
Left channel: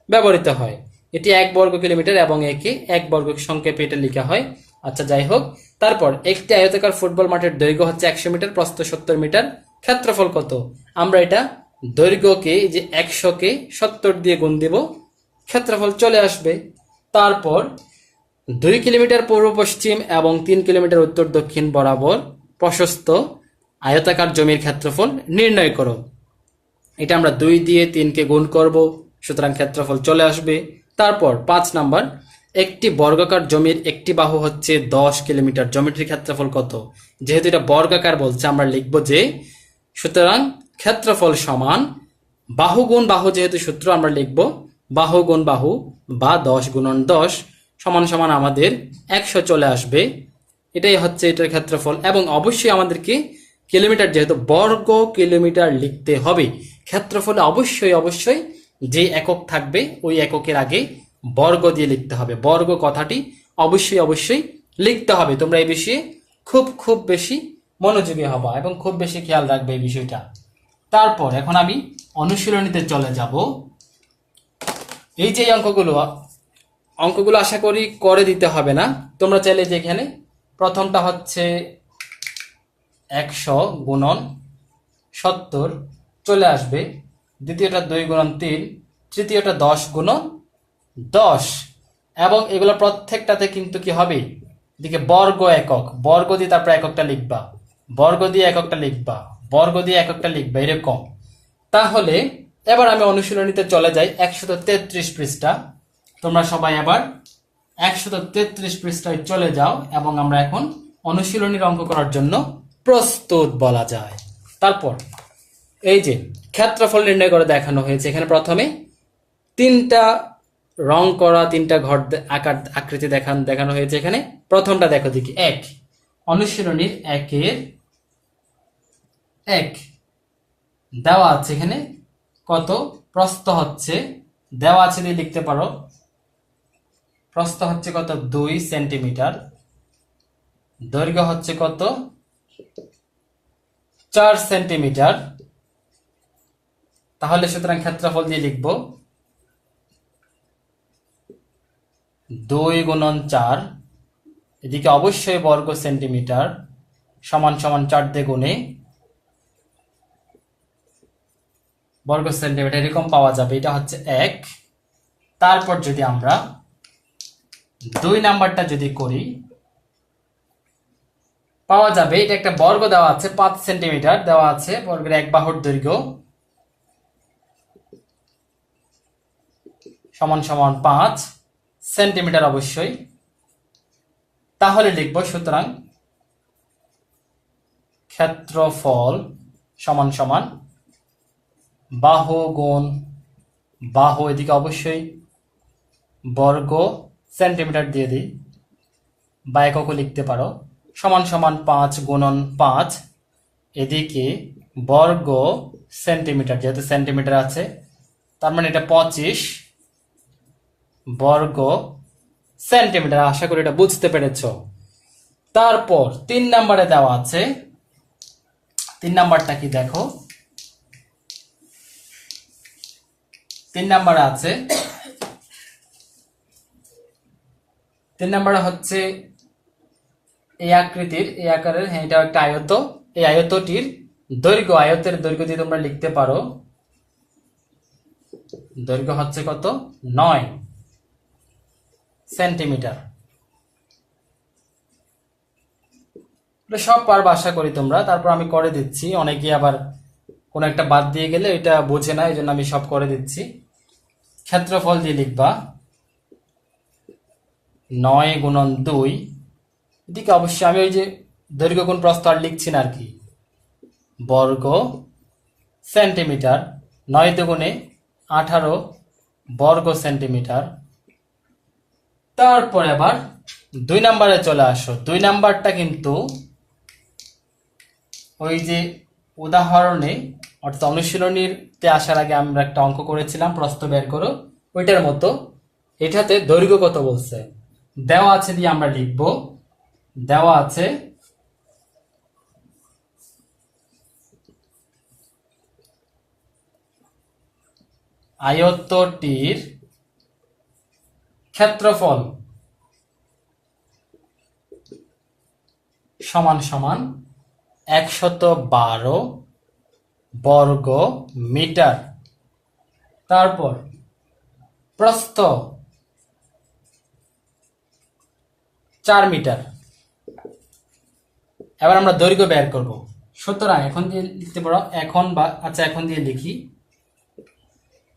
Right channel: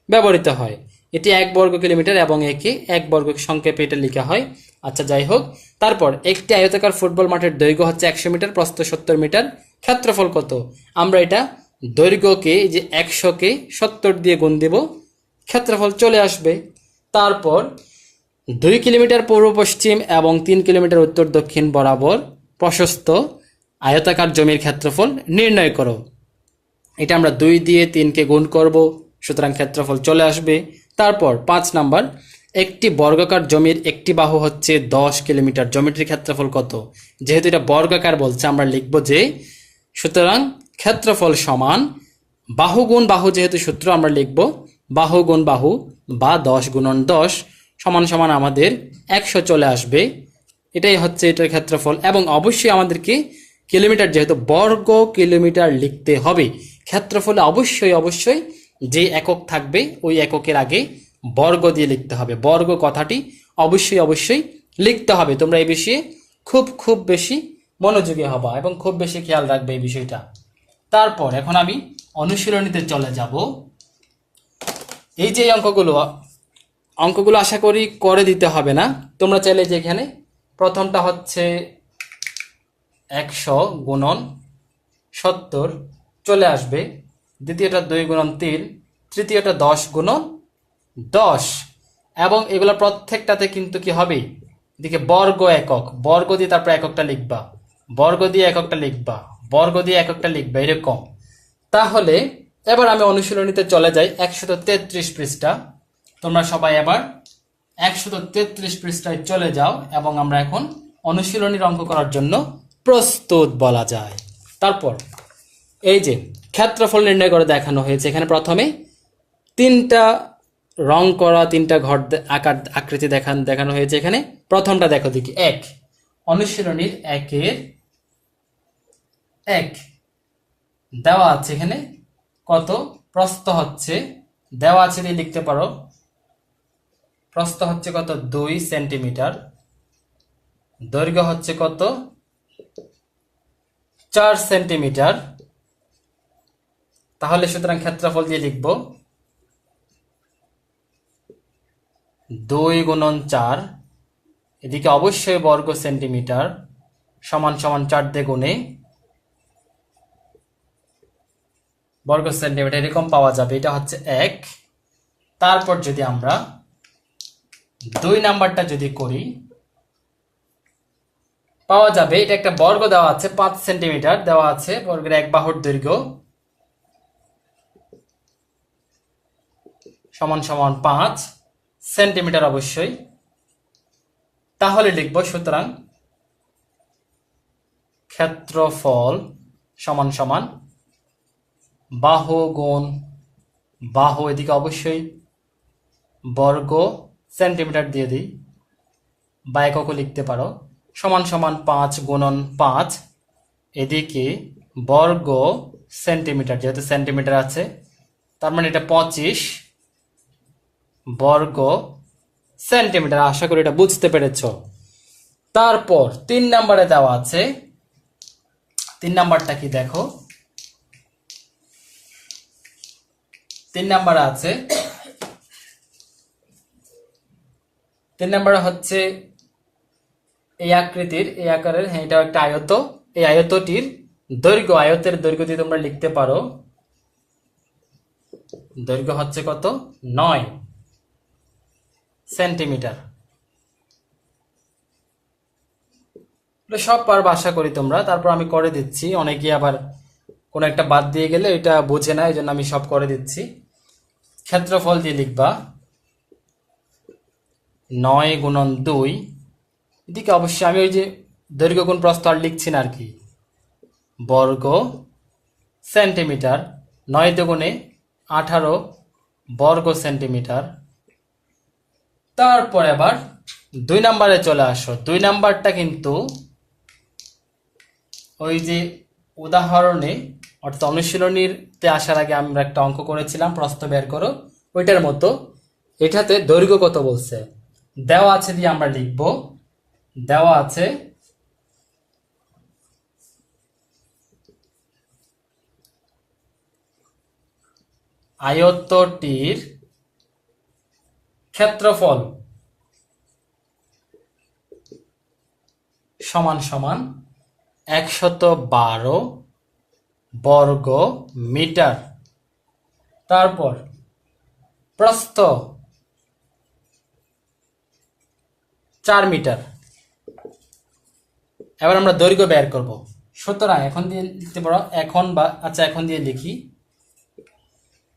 ব্যবহৃত হয়। এটি 1 বর্গ কিলোমিটার, এবং একে 1 বর্গ সংক্ষেপে এটা লেখা হয়। আচ্ছা, যাই হোক। তারপর একটি আয়তাকার ফুটবল মাঠের দৈর্ঘ্য হচ্ছে 100 মিটার, প্রস্থ 70 মিটার। ক্ষেত্রফল কত? আমরা এটা দৈর্ঘ্যকে, যে 100কে 70 দিয়ে গুণ দেব, ক্ষেত্রফল চলে আসবে। তারপর 2 কিলোমিটার পূর্ব পশ্চিম এবং 3 কিলোমিটার উত্তর দক্ষিণ বরাবর প্রশস্ত আয়তাকার জমির ক্ষেত্রফল নির্ণয় করো। এটা আমরা 2 দিয়ে 3কে গুণ করব, সুতরাং ক্ষেত্রফল চলে আসবে। তারপর 5 নাম্বার, একটি বর্গাকার জমির একটি বাহু হচ্ছে 10 কিলোমিটার, জমিটির ক্ষেত্রফল কত? যেহেতু এটা বর্গাকার বলছে, আমরা লিখব যে, সুতরাং ক্ষেত্রফল সমান বাহু গুণ বাহু, যেহেতু সূত্র আমরা লিখব বাহু গুণ বাহু, বা 10 গুণন 10 সমান সমান আমাদের 100 চলে আসবে। এটাই হচ্ছে এটার ক্ষেত্রফল। এবং অবশ্যই আমাদেরকে কিলোমিটার, যেহেতু বর্গ কিলোমিটার লিখতে হবে, ক্ষেত্রফলে অবশ্যই অবশ্যই যে একক থাকবে ওই এককের আগে বর্গ দিয়ে লিখতে হবে। বর্গ কথাটি অবশ্যই অবশ্যই লিখতে হবে। তোমরা এই বিষয়ে খুব খুব বেশি মনোযোগী হবা এবং খুব বেশি খেয়াল রাখবে এই বিষয়টা। তারপর এখন আমি অনুশীলনীতে চলে যাব। এই যে অঙ্কগুলো আশা করি করে দিতে হবে না। তোমরা চাইলে যে এখানে প্রথমটা হচ্ছে 100 গুণন 70 চলে আসবে। দ্বিতীয়টা 2 গুণন 3, তৃতীয়টা 10 গুণন 10। এবং এগুলো প্রত্যেকটাতে কিন্তু কি হবে, এদিকে বর্গ একক, বর্গ দিয়ে তারপর এককটা লিখবা, বর্গ দিয়ে এককটা লিখবা, বর্গ দিয়ে এককটা লিখবা, এরকম। তাহলে এবার আমি অনুশীলনীতে চলে যাই 133 পৃষ্ঠা। তোমরা সবাই আবার 133 পৃষ্ঠায় চলে যাও এবং আমরা এখন অনুশীলনীর অঙ্ক করার জন্য প্রস্তুত বলা যায়। তারপর এই যে ক্ষেত্রফল নির্ণয় করে দেখানো হয়েছে। এখানে প্রথমে 3টা রং করা 3টা ঘর আকার আকৃতি দেখানো হয়েছে। এখানে প্রথমটা দেখো দেখি, 1, অনুশীলনীর 1-এর 1 দেওয়া আছে। এখানে কত, প্রস্থ হচ্ছে দেওয়া আছে দিয়ে লিখতে পারো, প্রস্থ হচ্ছে কত 2 সেন্টিমিটার, দৈর্ঘ্য হচ্ছে কত 4 সেন্টিমিটার। তাহলে সুতরাং ক্ষেত্রফল দিয়ে লিখব 2 গুণন 4, এদিকে অবশ্যই বর্গ সেন্টিমিটার, সমান সমান 4 দিয়ে গুণে বর্গ সেন্টিমিটার, এরকম পাওয়া যাবে। এটা হচ্ছে 1। তারপর যদি আমরা 2 নাম্বারটা যদি করি, পাওয়া যাবে এটা একটা বর্গ দেওয়া আছে 5 সেন্টিমিটার দেওয়া আছে, বর্গের 1 বাহুর দৈর্ঘ্য সমান সমান 5 সেন্টিমিটার অবশ্যই। তাহলে লিখব সুতরাং ক্ষেত্রফল সমান সমান বাহু গুণ বাহু, এদিকে অবশ্যই বর্গ সেন্টিমিটার দিয়ে দিই বা এককও লিখতে পারো, সমান সমান 5 গুণন 5, এদিকে বর্গ সেন্টিমিটার, যেহেতু সেন্টিমিটার আছে তার মানে এটা 25 বর্গ সেন্টিমিটার। আশা করি এটা বুঝতে পেরেছ। তারপর 3 নম্বরে দেওয়া আছে, 3 নাম্বারটা কি দেখো, 3 নাম্বারে আছে, 3 নাম্বারে হচ্ছে এই আকৃতির, এই আকারের, হ্যাঁ এটা একটা আয়ত, এই আয়তটির দৈর্ঘ্য, আয়তের দৈর্ঘ্য দিয়ে তোমরা লিখতে পারো, দৈর্ঘ্য হচ্ছে কত 9 সেন্টিমিটার। সব পারবে আশা করি তোমরা। তারপর আমি করে দিচ্ছি, অনেকে আবার কোন একটা বাদ দিয়ে গেলে এটা বোঝে না, এই জন্য আমি সব করে দিচ্ছি। ক্ষেত্রফল দিয়ে লিখবা 9 গুণন 2, এদিকে অবশ্যই আমি ওই যে দৈর্ঘ্য গুণ প্রস্থ আর লিখছি না আর কি, বর্গ সেন্টিমিটার, 9 দুগুণে 18 বর্গ সেন্টিমিটার। তারপর আবার 2 নাম্বারে চলে আসো। 2 নাম্বারটা কিন্তু ওই যে উদাহরণে অর্থাৎ অনুশীলনীতে আসার আগে আমরা একটা অঙ্ক করেছিলাম প্রস্থ বের করো, ওইটার মতো এটাতে দৈর্ঘ্য কত বলছে দেওয়া আছে দিয়ে আমরা লিখব, দেওয়া আছে আয়তটির ক্ষেত্রফল সমান সমান 112 বর্গ মিটার। তারপর প্রস্থ 4 মিটার। এবার আমরা দৈর্ঘ্য বের করব। সুতরাং এখন দিয়ে লিখতে পারো, এখন বা আচ্ছা এখন দিয়ে লিখি,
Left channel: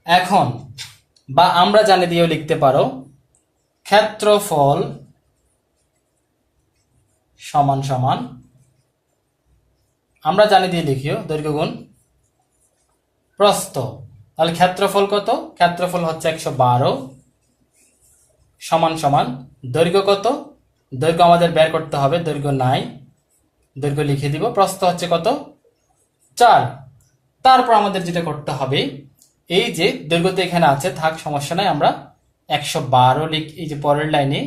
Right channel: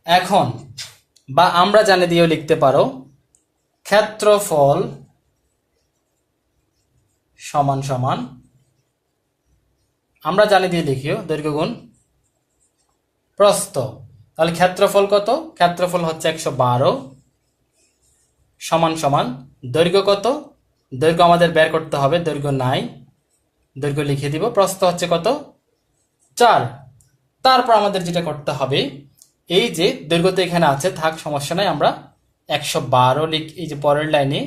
এখন বা আমরা জানি দিয়েও লিখতে পারো, ক্ষেত্রফল সমান সমান, আমরা জানি দিয়ে লিখিও দৈর্ঘ্য গুণ প্রস্থ। তাহলে ক্ষেত্রফল কত, ক্ষেত্রফল হচ্ছে 112 সমান সমান দৈর্ঘ্য কত, দৈর্ঘ্য আমাদের বের করতে হবে, দৈর্ঘ্য নাই, দৈর্ঘ্য লিখে দিব, প্রস্থ হচ্ছে কত 4। তারপর আমাদের যেটা করতে হবে, এই যে দৈর্ঘ্য তো এখানে আছে, থাক সমস্যা নাই, আমরা 112 লিখি, এই যে পরের লাইনে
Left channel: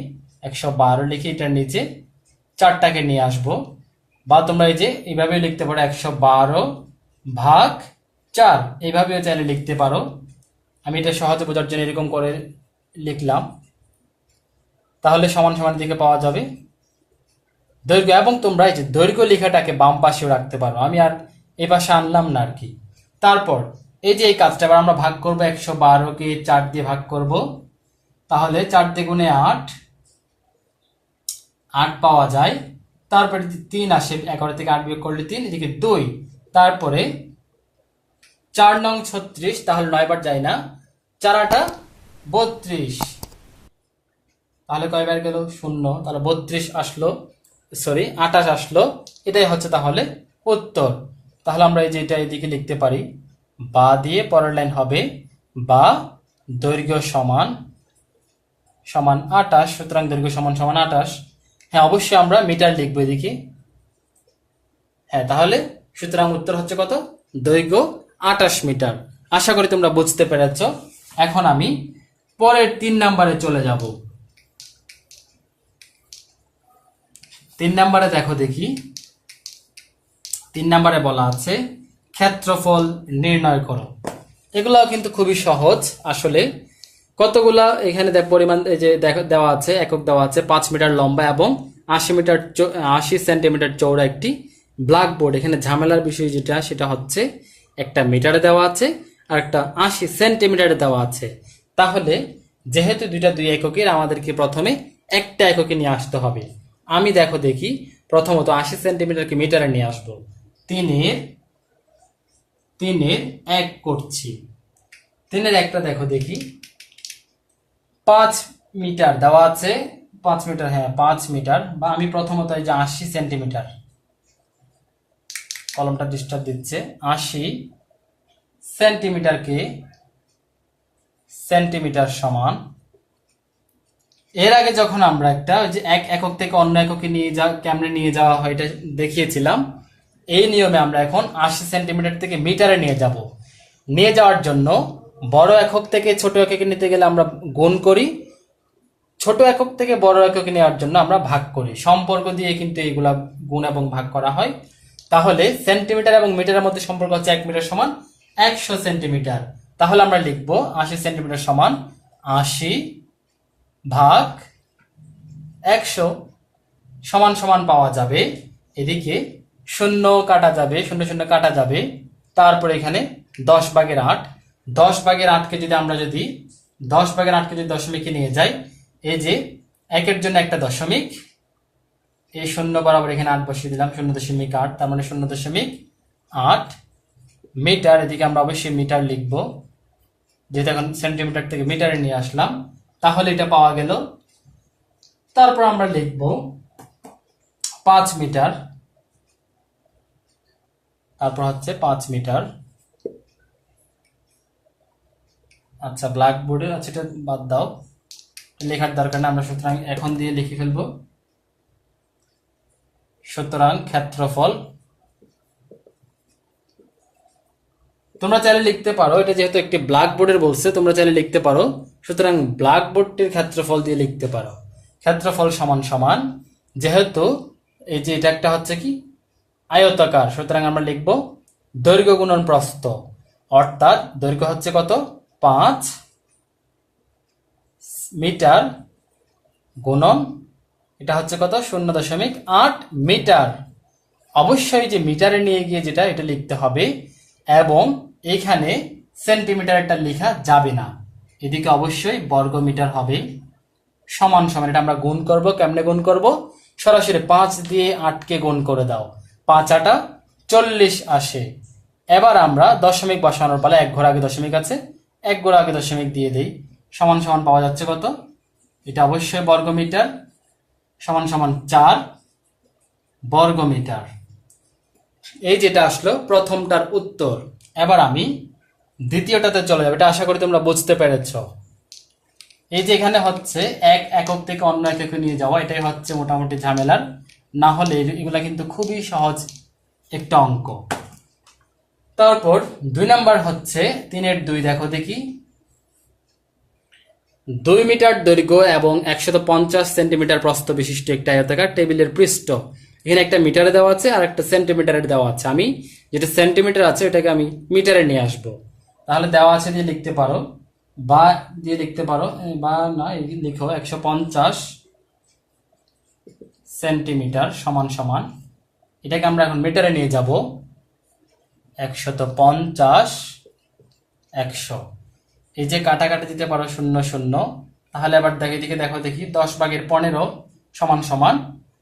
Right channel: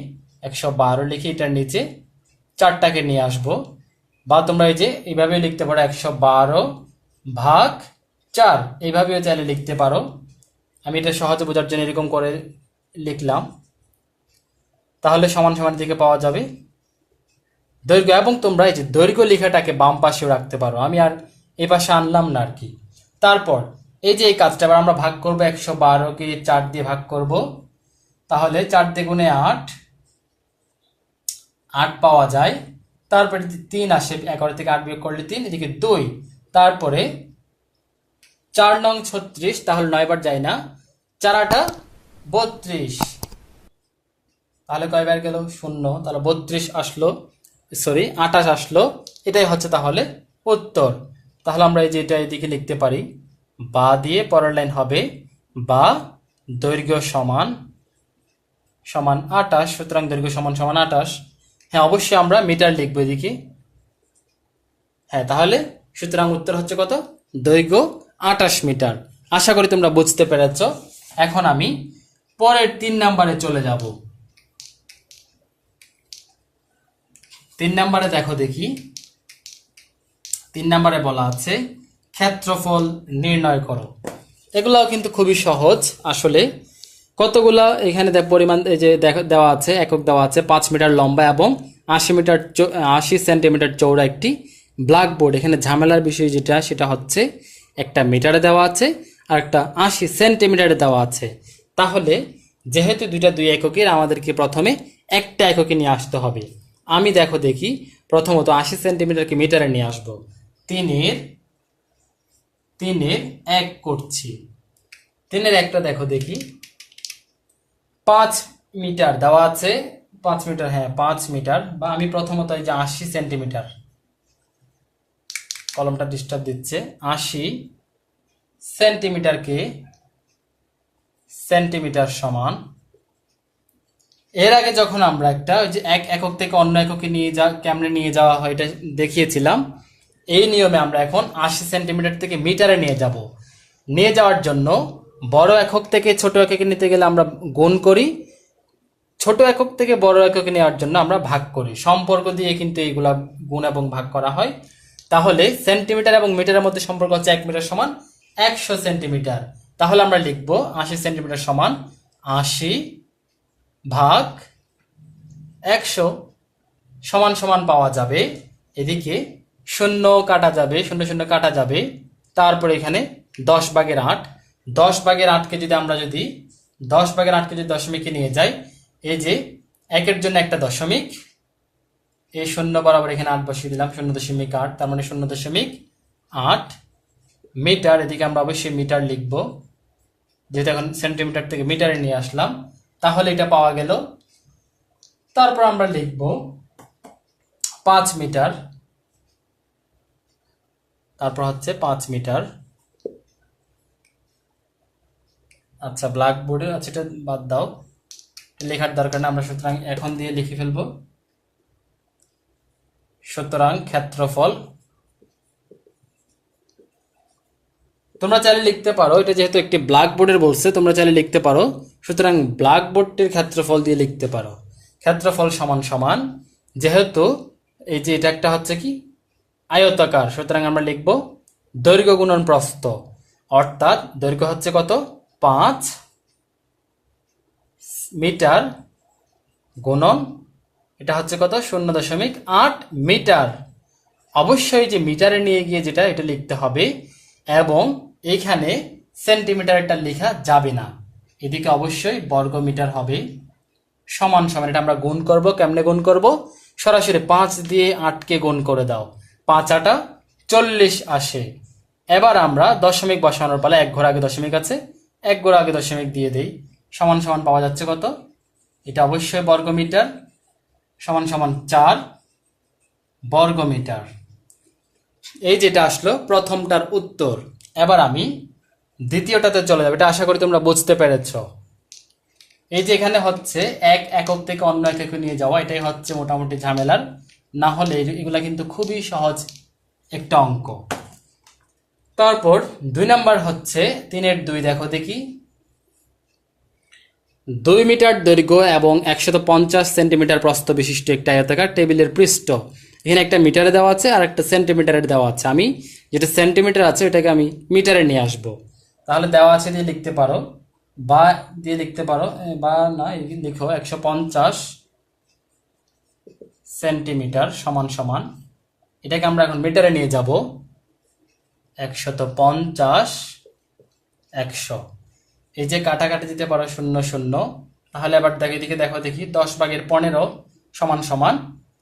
112 লিখে এটার নিচে 4টাকে নিয়ে আসবো, বা তোমরা এই যে এইভাবে লিখতে পারো 112 ভাগ 4, এইভাবেও চাইলে লিখতে পারো। আমি এটা সহজে বোঝার জন্য এরকম করে লিখলাম। তাহলে সমান সমান দিকে পাওয়া যাবে দৈর্ঘ্য, এবং তোমরা এই যে দৈর্ঘ্য লেখাটাকে বাম পাশেও রাখতে পারো। আমি আর এই পাশে আনলাম না আর কি। তারপর এই যে এই কাজটা আবার আমরা ভাগ করবো, 112কে 4 দিয়ে ভাগ করব, তাহলে 4 দিয়ে গুণে 8, 8 পাওয়া যায়। তারপরে 3 আসে, 11 থেকে 8 বিয়োগ করলে 3, এদিকে 2, তারপরে 4 নং 36, তাহলে 9 বার যায় না, 4 8 32, তাহলে কয়বার গেল? 0, তাহলে 32 আসলো, সরি 28 আসলো। এটাই হচ্ছে তাহলে উত্তর। তাহলে আমরা এই যে এটা এদিকে লিখতে পারি, বা দিয়ে পরের লাইন হবে বা দৈর্ঘ্য সমান সমান 28, সুতরাং দৈর্ঘ্য সমান সমান 28। হ্যাঁ, অবশ্যই আমরা মিটার লিখবো এদিকে। হ্যাঁ, তাহলে সুতরাং উত্তর হচ্ছে কত? দৈর্ঘ্য 28 মিটার। আশা করি তোমরা বুঝতে পেরেছ। এখন আমি পরের 3 নম্বরে চলে যাব। 3 নম্বরে দেখো দেখি, 3 নম্বরে বলা আছে ক্ষেত্রফল নির্ণয় করো। এগুলাও কিন্তু খুবই সহজ আসলে। কতগুলা এখানে দেখ পরিমাণ, এই যে দেওয়া আছে, একক দেওয়া আছে 5 মিটার লম্বা এবং 80 সেন্টিমিটার চৌড়া একটি ব্ল্যাকবোর্ড। এখানে ঝামেলার বিষয় যেটা, সেটা হচ্ছে একটা মিটারে দেওয়া আছে আর একটা 80 সেন্টিমিটারে দেওয়া আছে। তাহলে যেহেতু দুইটা দুই এককের, আমাদেরকে প্রথমে একটা এককে নিয়ে আসতে হবে। আমি দেখো দেখি, প্রথমত 80 সেন্টিমিটারকে মিটারে নিয়ে আসবো। 3-এর 1 করছি। 3-এর 1টা দেখো দেখি, 5 মিটার দেওয়া আছে, 5 মিটার, হ্যাঁ 5 মিটার, বা আমি প্রথমত এই যে 80 সেন্টিমিটার, কলমটা ডিস্টার্ব দিচ্ছে, 80 সেন্টিমিটারকে সেন্টিমিটার সমান, এর আগে যখন আমরা একটা ওই যে এক একক থেকে অন্য এককে কেমনে নিয়ে যাওয়া হয় এটা দেখিয়েছিলাম, এই নিয়মে আমরা এখন 80 সেন্টিমিটার থেকে মিটারে নিয়ে যাব। নিয়ে যাওয়ার জন্য বড় একক থেকে ছোট এককে নিতে গেলে আমরা গুণ করি, ছোট একক থেকে বড় এককে নেওয়ার জন্য আমরা ভাগ করি। সম্পর্ক দিয়ে কিন্তু এইগুলা গুণ এবং ভাগ করা হয়। তাহলে সেন্টিমিটার এবং মিটারের মধ্যে সম্পর্ক হচ্ছে 1 মিটার সমান 100 সেন্টিমিটার। তাহলে আমরা লিখব 80 সেন্টিমিটার সমান 80 ভাগ 100 সমান সমান পাওয়া যাবে, এদিকে শূন্য কাটা যাবে, শূন্য শূন্য কাটা যাবে, তারপর এখানে 10 ভাগের 8, 10 ভাগের 8কে যদি আমরা 10 ভাগের 8কে যদি দশমিকে নিয়ে যাই, এই যে একের জন্য একটা দশমিক, এই শূন্য বরাবর এখানে 8 বসিয়ে দিলাম, 0.8, তার মানে 0.8 মিটার। এদিকে আমরা অবশ্যই মিটার লিখব, যেহেতু এখন সেন্টিমিটার থেকে মিটারে নিয়ে আসলাম, তাহলে এটা পাওয়া গেল। তারপর আমরা লিখব 5 মিটার, তারপর হচ্ছে 5 মিটার। আচ্ছা, ব্ল্যাকবোর্ডে আছে, এটা বাদ দাও, লেখার দরকার নেই, আমরা সুতরাং এখন দিয়ে লিখে ফেলবো। সুতরাং ক্ষেত্রফল, তোমরা চাইলে লিখতে পারো, এটা যেহেতু একটি ব্ল্যাকবোর্ডের বলছে, তোমরা চাইলে লিখতে পারো, সুতরাং ব্ল্যাকবোর্ডটির ক্ষেত্রফল দিয়ে লিখতে পারো। ক্ষেত্রফল সমান সমান, যেহেতু এই যে এটা একটা হচ্ছে কি আয়তাকার, সুতরাং আমরা লিখব দৈর্ঘ্য গুণন প্রস্থ, অর্থাৎ দৈর্ঘ্য হচ্ছে কত? 5 মিটার গুণন এটা হচ্ছে কত? 0.8 মিটার। অবশ্যই যে মিটারে নিয়ে গিয়ে যেটা এটা লিখতে হবে, এবং এখানে সেন্টিমিটারটা লেখা যাবে না, এদিকে অবশ্যই বর্গ মিটার হবে। সমান সমান, এটা আমরা গুণ করব। কেমনে গুণ করব? সরাসরি 5 দিয়ে 8কে গুণ করে দাও, 5 8 40 আসে। এবার আমরা দশমিক বসানোর পালা, 1 ঘর আগে দশমিক আছে, 1 ঘর আগে দশমিক দিয়ে দেই। সমান সমান পাওয়া যাচ্ছে কত? এটা অবশ্যই বর্গ মিটার, সমান সমান 4 বর্গ মিটার। এই যেটা আসলো প্রথমটার উত্তর। এবার আমি দ্বিতীয়টাতে চলে যাব, এটা আশা করি তোমরা বুঝতে পেরেছ। এই যে এখানে হচ্ছে এক একক থেকে অন্য এককে নিয়ে যাওয়া, এটাই হচ্ছে মোটামুটি ঝামেলার, না হলে এগুলা কিন্তু খুবই সহজ একটা অঙ্ক। তারপর 2 নাম্বার হচ্ছে 3-এর 2, দেখো দেখি, 2 মিটার দৈর্ঘ্য এবং 150 সেন্টিমিটার প্রস্থ বিশিষ্ট একটা আয়তাকার টেবিলের পৃষ্ঠ। এখানে একটা মিটারে দেওয়া আছে আর একটা সেন্টিমিটারে দেওয়া আছে। আমি যেটা সেন্টিমিটার আছে এটাকে আমি মিটারে নিয়ে আসব। তাহলে দেওয়া আছে দিয়ে লিখতে পারো, বা দিয়ে লিখতে পারো, বা না লিখো 150 সেন্টিমিটার সমান সমান, এটাকে আমরা এখন মিটারে নিয়ে যাব। 150 100। এই যে কাটাকাটি দিতে পারো 0 0, তাহলে আবার এদিকে দেখো দেখি 10/15 সমান সমান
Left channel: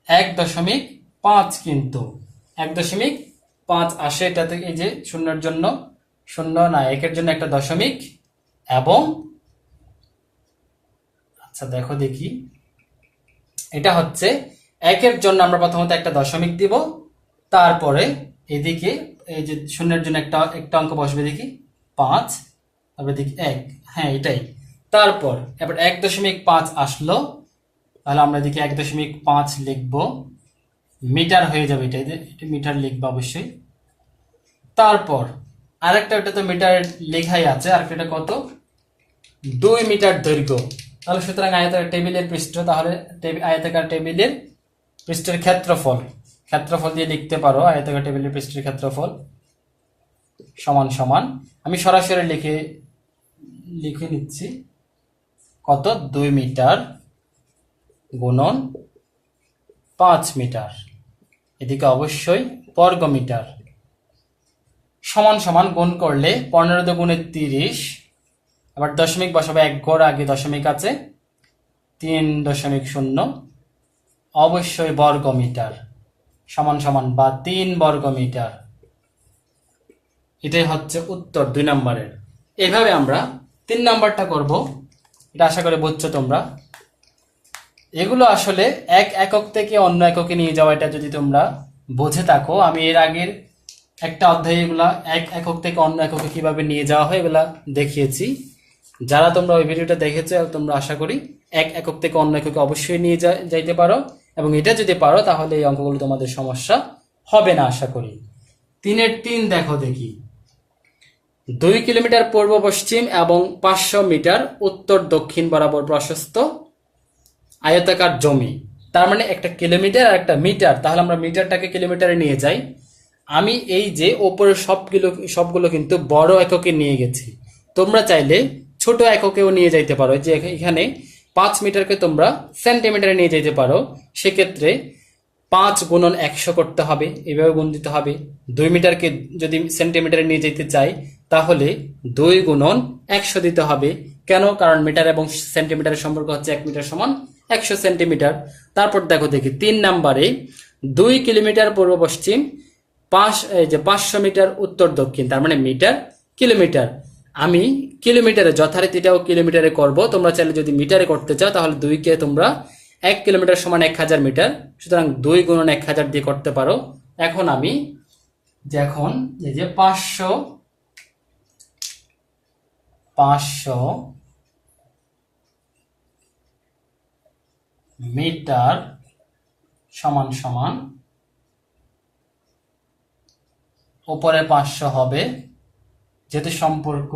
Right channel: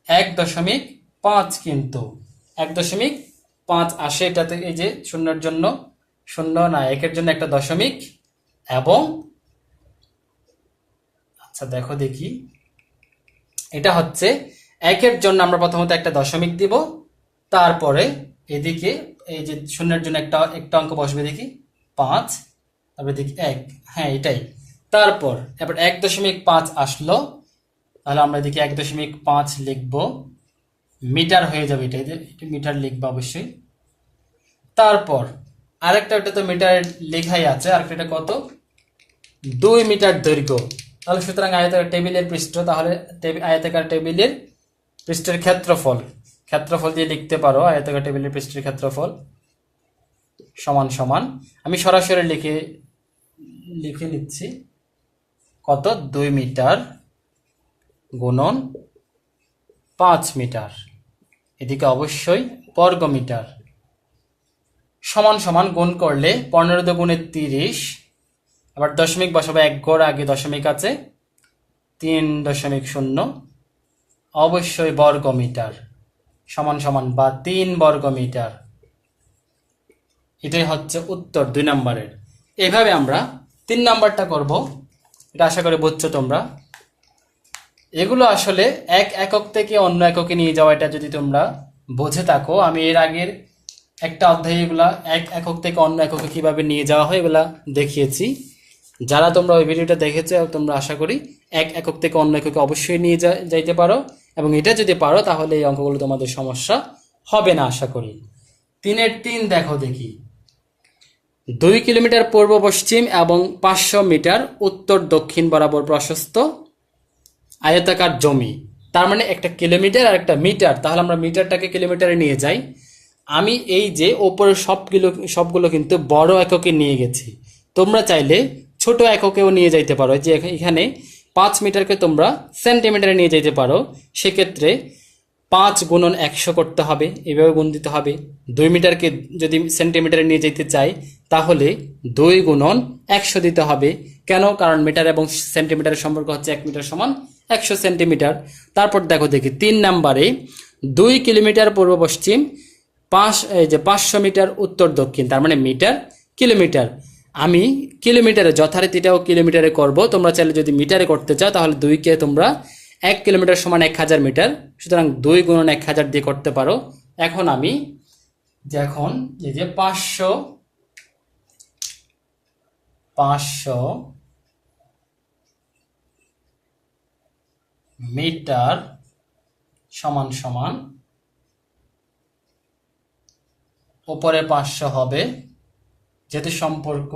1.5, কিন্তু 1.5 আসে এটাতে, এই যে শূন্যের জন্য শূন্য না, একের জন্য একটা দশমিক, এবং আচ্ছা দেখো দেখি, এটা হচ্ছে একের জন্য আমরা প্রথমত একটা দশমিক দিব, তারপরে এদিকে এই যে শূন্যের জন্য একটা একটা অঙ্ক বসবে, দেখি 5, তারপরে দেখি 1, হ্যাঁ এটাই। তারপর এবার 1.5 আসলো, তাহলে আমরা দেখি 1.5 লিখবো, মিটার হয়ে যাবে, এটা মিটার লিখবো অবশ্যই। তারপর আরেকটা, একটা তো মিটার লেখাই আছে, আরেকটা কত, 2 মিটার দৈর্ঘ্য। তাহলে সুতরাং আয়তাকার টেবিলের পৃষ্ঠ, তাহলে আয়তাকার টেবিলের পৃষ্ঠের ক্ষেত্রফল দিয়ে লিখতে পারো, আয়তাকার টেবিলের পৃষ্ঠের ক্ষেত্রফল সমান সমান, আমি সরাসরি লিখে নিচ্ছি, কত, 2 মিটার গুণন 5 মিটার, এদিকে অবশ্যই বর্গ মিটার, সমান সমান, গুণ করলে 15 দুগুণে 30, আবার দশমিক বসাবো, 1 ঘর আগে দশমিক আছে, 3.0, অবশ্যই বর্গ মিটার, সমান সমান বা 3 বর্গ মিটার। এটাই হচ্ছে উত্তর 2 নম্বরের। এইভাবে আমরা 3 নাম্বারটা করব, এটা আশা করি বুঝছো তোমরা। এগুলো আসলে এক একক থেকে অন্য এককে নিয়ে যাওয়া, এটা যদি তোমরা বুঝে থাকো, আমি এর আগের একটা অধ্যায়ে এগুলা এক একক থেকে অন্য এককে কিভাবে নিয়ে যাওয়া হয় এগুলা দেখিয়েছি। যারা তোমরা ওই ভিডিওটা দেখেছো, তোমরা আশা করি এক একক থেকে অন্য এককে অবশ্যই নিয়ে যাইতে পারো, এবং এটা যদি পারো তাহলে এই অঙ্কগুলো তোমাদের সমস্যা হবে না আশা করি। 3-এর 3 দেখো দেখি, 2 কিলোমিটার পূর্ব পশ্চিম এবং 500 মিটার উত্তর দক্ষিণ বরাবর প্রশস্ত আয়তাকার জমি, তার মানে একটা কিলোমিটার আর একটা মিটার, তাহলে আমরা মিটারটাকে কিলোমিটারে নিয়ে যাই। আমি এই যে ওপরের সবগুলো কিন্তু বড় এককে নিয়ে গেছি, তোমরা চাইলে ছোট এককেও নিয়ে যাইতে পারো, যে এখানে 5 মিটারকে তোমরা সেন্টিমিটারে নিয়ে যেতে পারো, সেক্ষেত্রে 5 গুণন 100 করতে হবে, এভাবে গুণ দিতে হবে। 2 মিটারকে যদি সেন্টিমিটারে নিয়ে যেতে চাই তাহলে 2 গুণন 100 দিতে হবে। কেন? কারণ মিটার এবং সেন্টিমিটারের সম্পর্ক হচ্ছে 1 মিটার সমান 100 সেন্টিমিটার। তারপর দেখো দেখি 3 নম্বরে 2 কিলোমিটার পূর্ব পশ্চিম, 500 মিটার উত্তর দক্ষিণ, তার মানে মিটার কিলোমিটার। আমি কিলোমিটারে যথারীতিটাও কিলোমিটারে করব, তোমরা চাইলে যদি মিটারে করতে চাও তাহলে 2কে তোমরা 1 কিলোমিটার সমান 1000 মিটার, সুতরাং 2 গুণন 1000 দিয়ে করতে পারো। এখন আমি এই যে 500 মিটার সমান সমান, উপরে 500 হবে, যেহেতু সম্পর্ক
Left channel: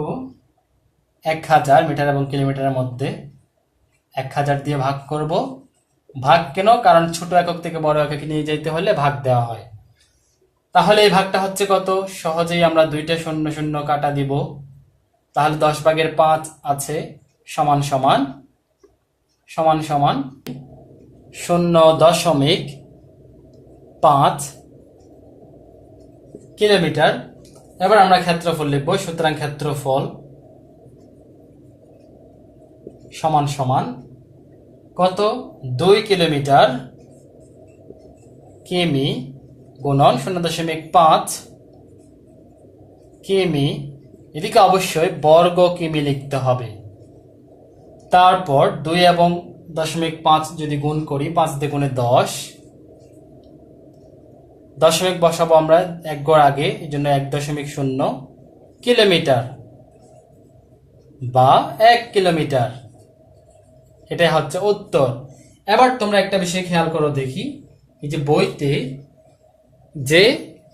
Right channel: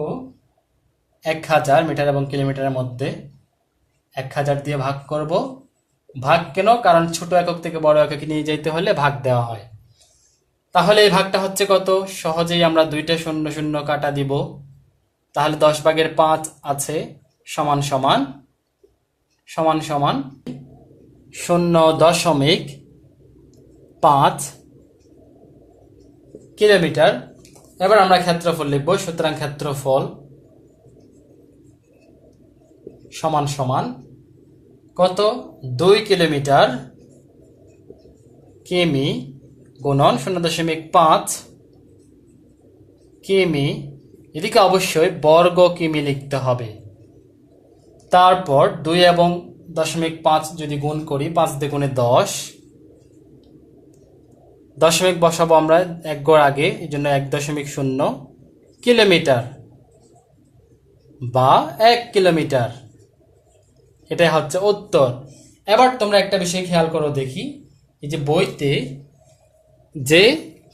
1000 মিটার এবং কিলোমিটারের মধ্যে, 1000 দিয়ে ভাগ করব। ভাগ কেন? কারণ ছোট একক থেকে বড় এককে নিয়ে যেতে হলে ভাগ দেওয়া হয়। তাহলে এই ভাগটা হচ্ছে কত? সহজেই আমরা 2টা 0 0 কাটা দিব, তাহলে 10/5 আছে, সমান সমান 0.5 কিলোমিটার। এবার আমরা ক্ষেত্রফল লিখব, সুতরাং ক্ষেত্রফল সমান সমান কত? 2 কিলোমিটার কিমি গুণন 0.5 কিমি, এদিকে অবশ্যই বর্গ কিমি লিখতে হবে। তারপর 2 এবং 0.5 যদি গুণ করি, 5 দ্বিগুণে 10, দশমিক বসাবো আমরা 1 ঘর আগে, এই জন্য 1.0 কিলোমিটার বা 1 কিলোমিটার, এটাই হচ্ছে উত্তর। এবার তোমরা একটা বিষয় খেয়াল করো দেখি, এই যে বইতে যে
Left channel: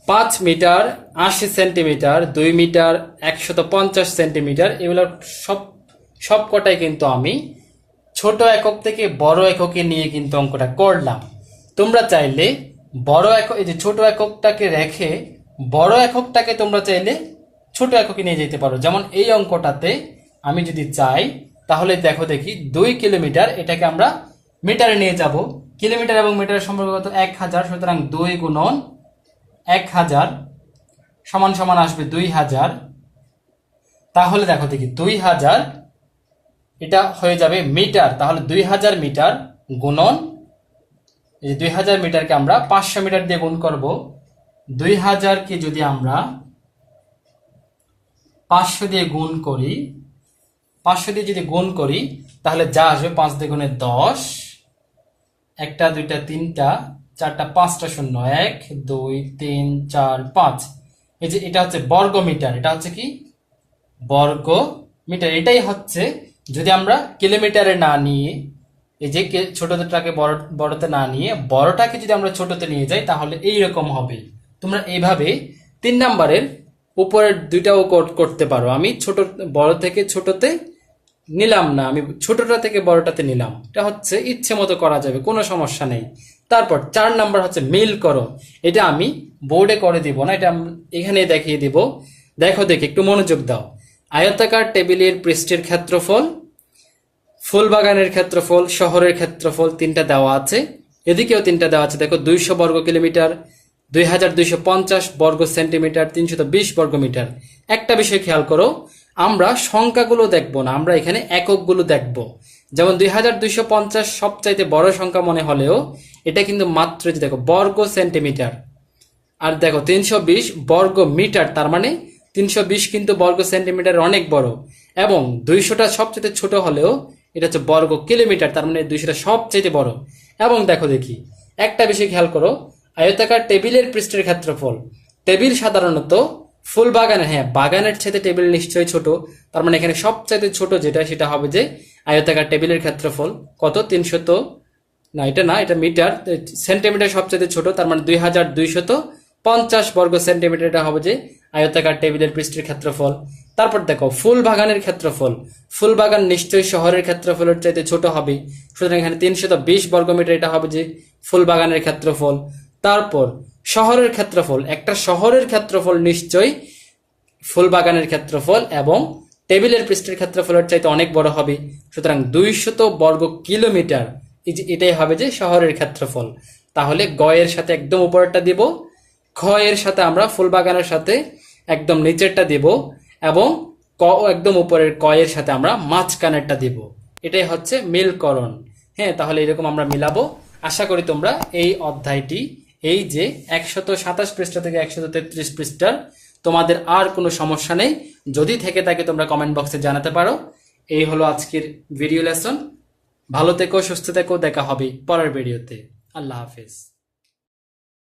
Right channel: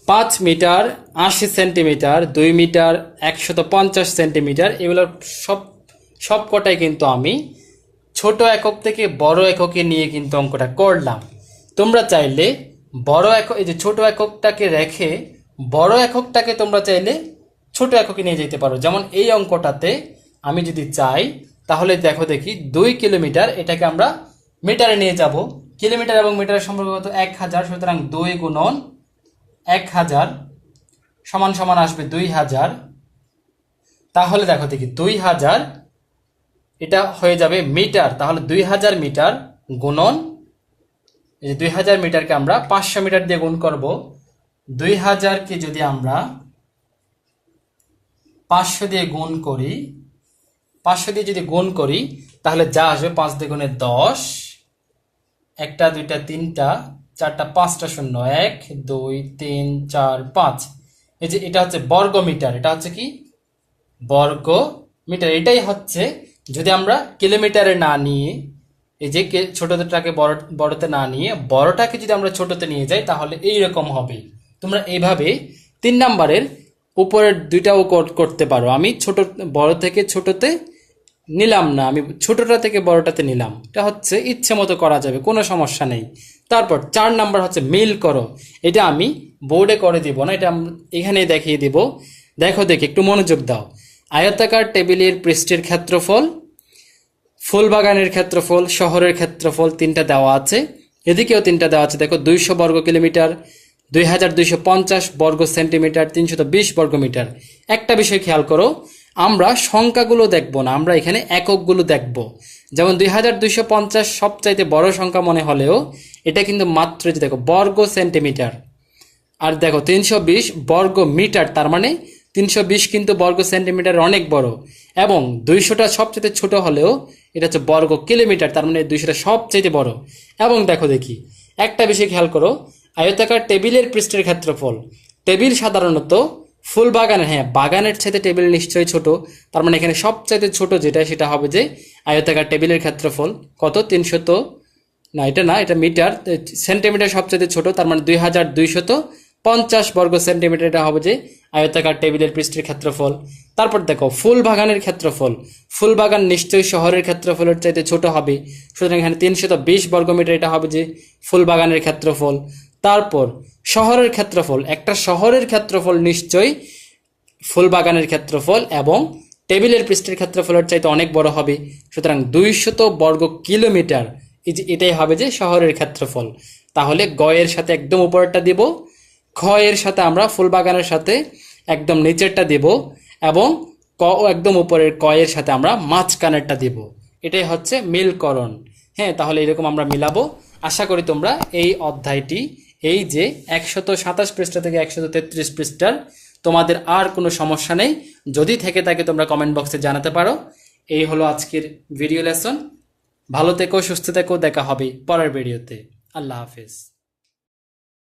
5 মিটার 80 সেন্টিমিটার, 2 মিটার 150 সেন্টিমিটার, এগুলোর সব কটাই কিন্তু আমি ছোট একক থেকে বড় এককে নিয়ে কিন্তু অঙ্কটা করলাম। তোমরা চাইলে বড় একক, এই যে ছোট এককটাকে রেখে বড় এককটাকে তোমরা চাইলে ছোট এককে নিয়ে যেতে পারো। যেমন এই অঙ্কটাতে আমি যদি চাই তাহলে দেখো দেখি 2 কিলোমিটার, এটাকে আমরা মিটারে নিয়ে যাব। কিলোমিটার এবং মিটারের সম্পর্ক কত? 1000, সুতরাং 2 গুণন 1000 সমান সমান আসবে 2000। তাহলে দেখো দেখি 2000 এটা হয়ে যাবে মিটার, তাহলে 2000 মিটার গুণন এই যে 2000 মিটারকে আমরা 500 মিটার দিয়ে গুণ করব। 2000কে যদি আমরা 500 দিয়ে গুণ করি, 500 দিয়ে যদি গুণ করি তাহলে যা আসবে 5 দ্বিগুণে 10, একটা দুইটা তিনটা চারটা পাঁচটা শূন্য, 1 2 3 4 5। এই যে এটা হচ্ছে বর্গ মিটার, এটা হচ্ছে কি বর্গ মিটার। এটাই হচ্ছে যদি আমরা কিলোমিটারে না নিয়ে এই যে ছোটটাকে বড়তে না নিয়ে বড়টাকে যদি আমরা ছোটতে নিয়ে যাই তাহলে এইরকম হবে। তোমরা এইভাবে 3 নাম্বারের উপরের দুইটাও করতে পারো। আমি ছোট বড় থেকে ছোটতে নিলাম না, আমি ছোটটা থেকে বড়টাতে নিলাম। এটা হচ্ছে ইচ্ছে মতো করা যাবে, কোনো সমস্যা নেই। তারপর 4 নাম্বার হচ্ছে মিল করো। এটা আমি বোর্ডে করে দিব না, এটা এখানে দেখিয়ে দিব। দেখো দেখি একটু মনোযোগ দাও। আয়তাকার টেবিলের পৃষ্ঠের ক্ষেত্রফল, ফুলবাগানের ক্ষেত্রফল, শহরের ক্ষেত্রফল 3টা দেওয়া আছে, এদিকেও 3টা দেওয়া আছে। দেখো 200 বর্গ কিলোমিটার, 2250 বর্গ সেন্টিমিটার, 320 বর্গ মিটার। একটা বিষয় খেয়াল করো, আমরা সংখ্যাগুলো দেখব না, আমরা এখানে এককগুলো দেখব। যেমন 2250 সবচাইতে বড় সংখ্যা মনে হলেও এটা কিন্তু মাত্র দেখো বর্গ সেন্টিমিটার। আর দেখো 320 বর্গ মিটার, তার মানে 320 কিন্তু বর্গ সেন্টিমিটার অনেক বড়। এবং 200টা সবচেয়ে ছোট হলেও এটা হচ্ছে বর্গ কিলোমিটার, তার মানে 200টা সবচেয়ে বড়। এবং দেখো দেখি একটা বিষয় খেয়াল করো, আয়তাকার টেবিলের পৃষ্ঠের ক্ষেত্রফল। টেবিল সাধারণত ফুল বাগানের, হ্যাঁ বাগানের চাইতে টেবিল নিশ্চয়ই ছোট, তার মানে এখানে সবচাইতে ছোট যেটা সেটা হবে যে আয়তাকার টেবিলের ক্ষেত্রফল কত 300, না এটা না, এটা মিটার, সেন্টিমিটার সবচেয়ে ছোট, তার মানে 2250 বর্গ সেন্টিমিটার। এটা হবে যে আয়তাকার টেবিলের পৃষ্ঠের ক্ষেত্রফল। তারপর দেখো ফুল বাগানের ক্ষেত্রফল, ফুল বাগান নিশ্চয়ই শহরের ক্ষেত্রফলের চাইতে ছোট হবে, সুতরাং এখানে 320 বর্গমিটার, এটা হবে যে ফুল বাগানের ক্ষেত্রফল। তারপর শহরের ক্ষেত্রফল, একটা শহরের ক্ষেত্রফল নিশ্চয়ই ফুল বাগানের ক্ষেত্রফল এবং টেবিলের পৃষ্ঠের ক্ষেত্রফলের চাইতে অনেক বড় হবে, সুতরাং 200 বর্গ কিলোমিটার এটাই হবে যে শহরের ক্ষেত্রফল। তাহলে গ এর সাথে একদম উপরেরটা দিব, খ এর সাথে আমরা ফুল বাগানের সাথে একদম নিচেরটা দিব, এবং ক একদম উপরের ক এর সাথে আমরা মাঝখানেরটা দিব। এটাই হচ্ছে মিলকরণ। হ্যাঁ, তাহলে এরকম আমরা মিলাবো। আশা করি তোমরা এই অধ্যায়টি, এই যে 127 পৃষ্ঠা থেকে 133 পৃষ্ঠার, তোমাদের আর কোনো সমস্যা নেই। যদি থেকে থাকে তোমরা কমেন্ট বক্সে জানাতে পারো। এই হলো আজকের ভিডিও লেসন। ভালো থেকো, সুস্থ থেকো, দেখা হবে পরের ভিডিওতে। আল্লাহ হাফেজ।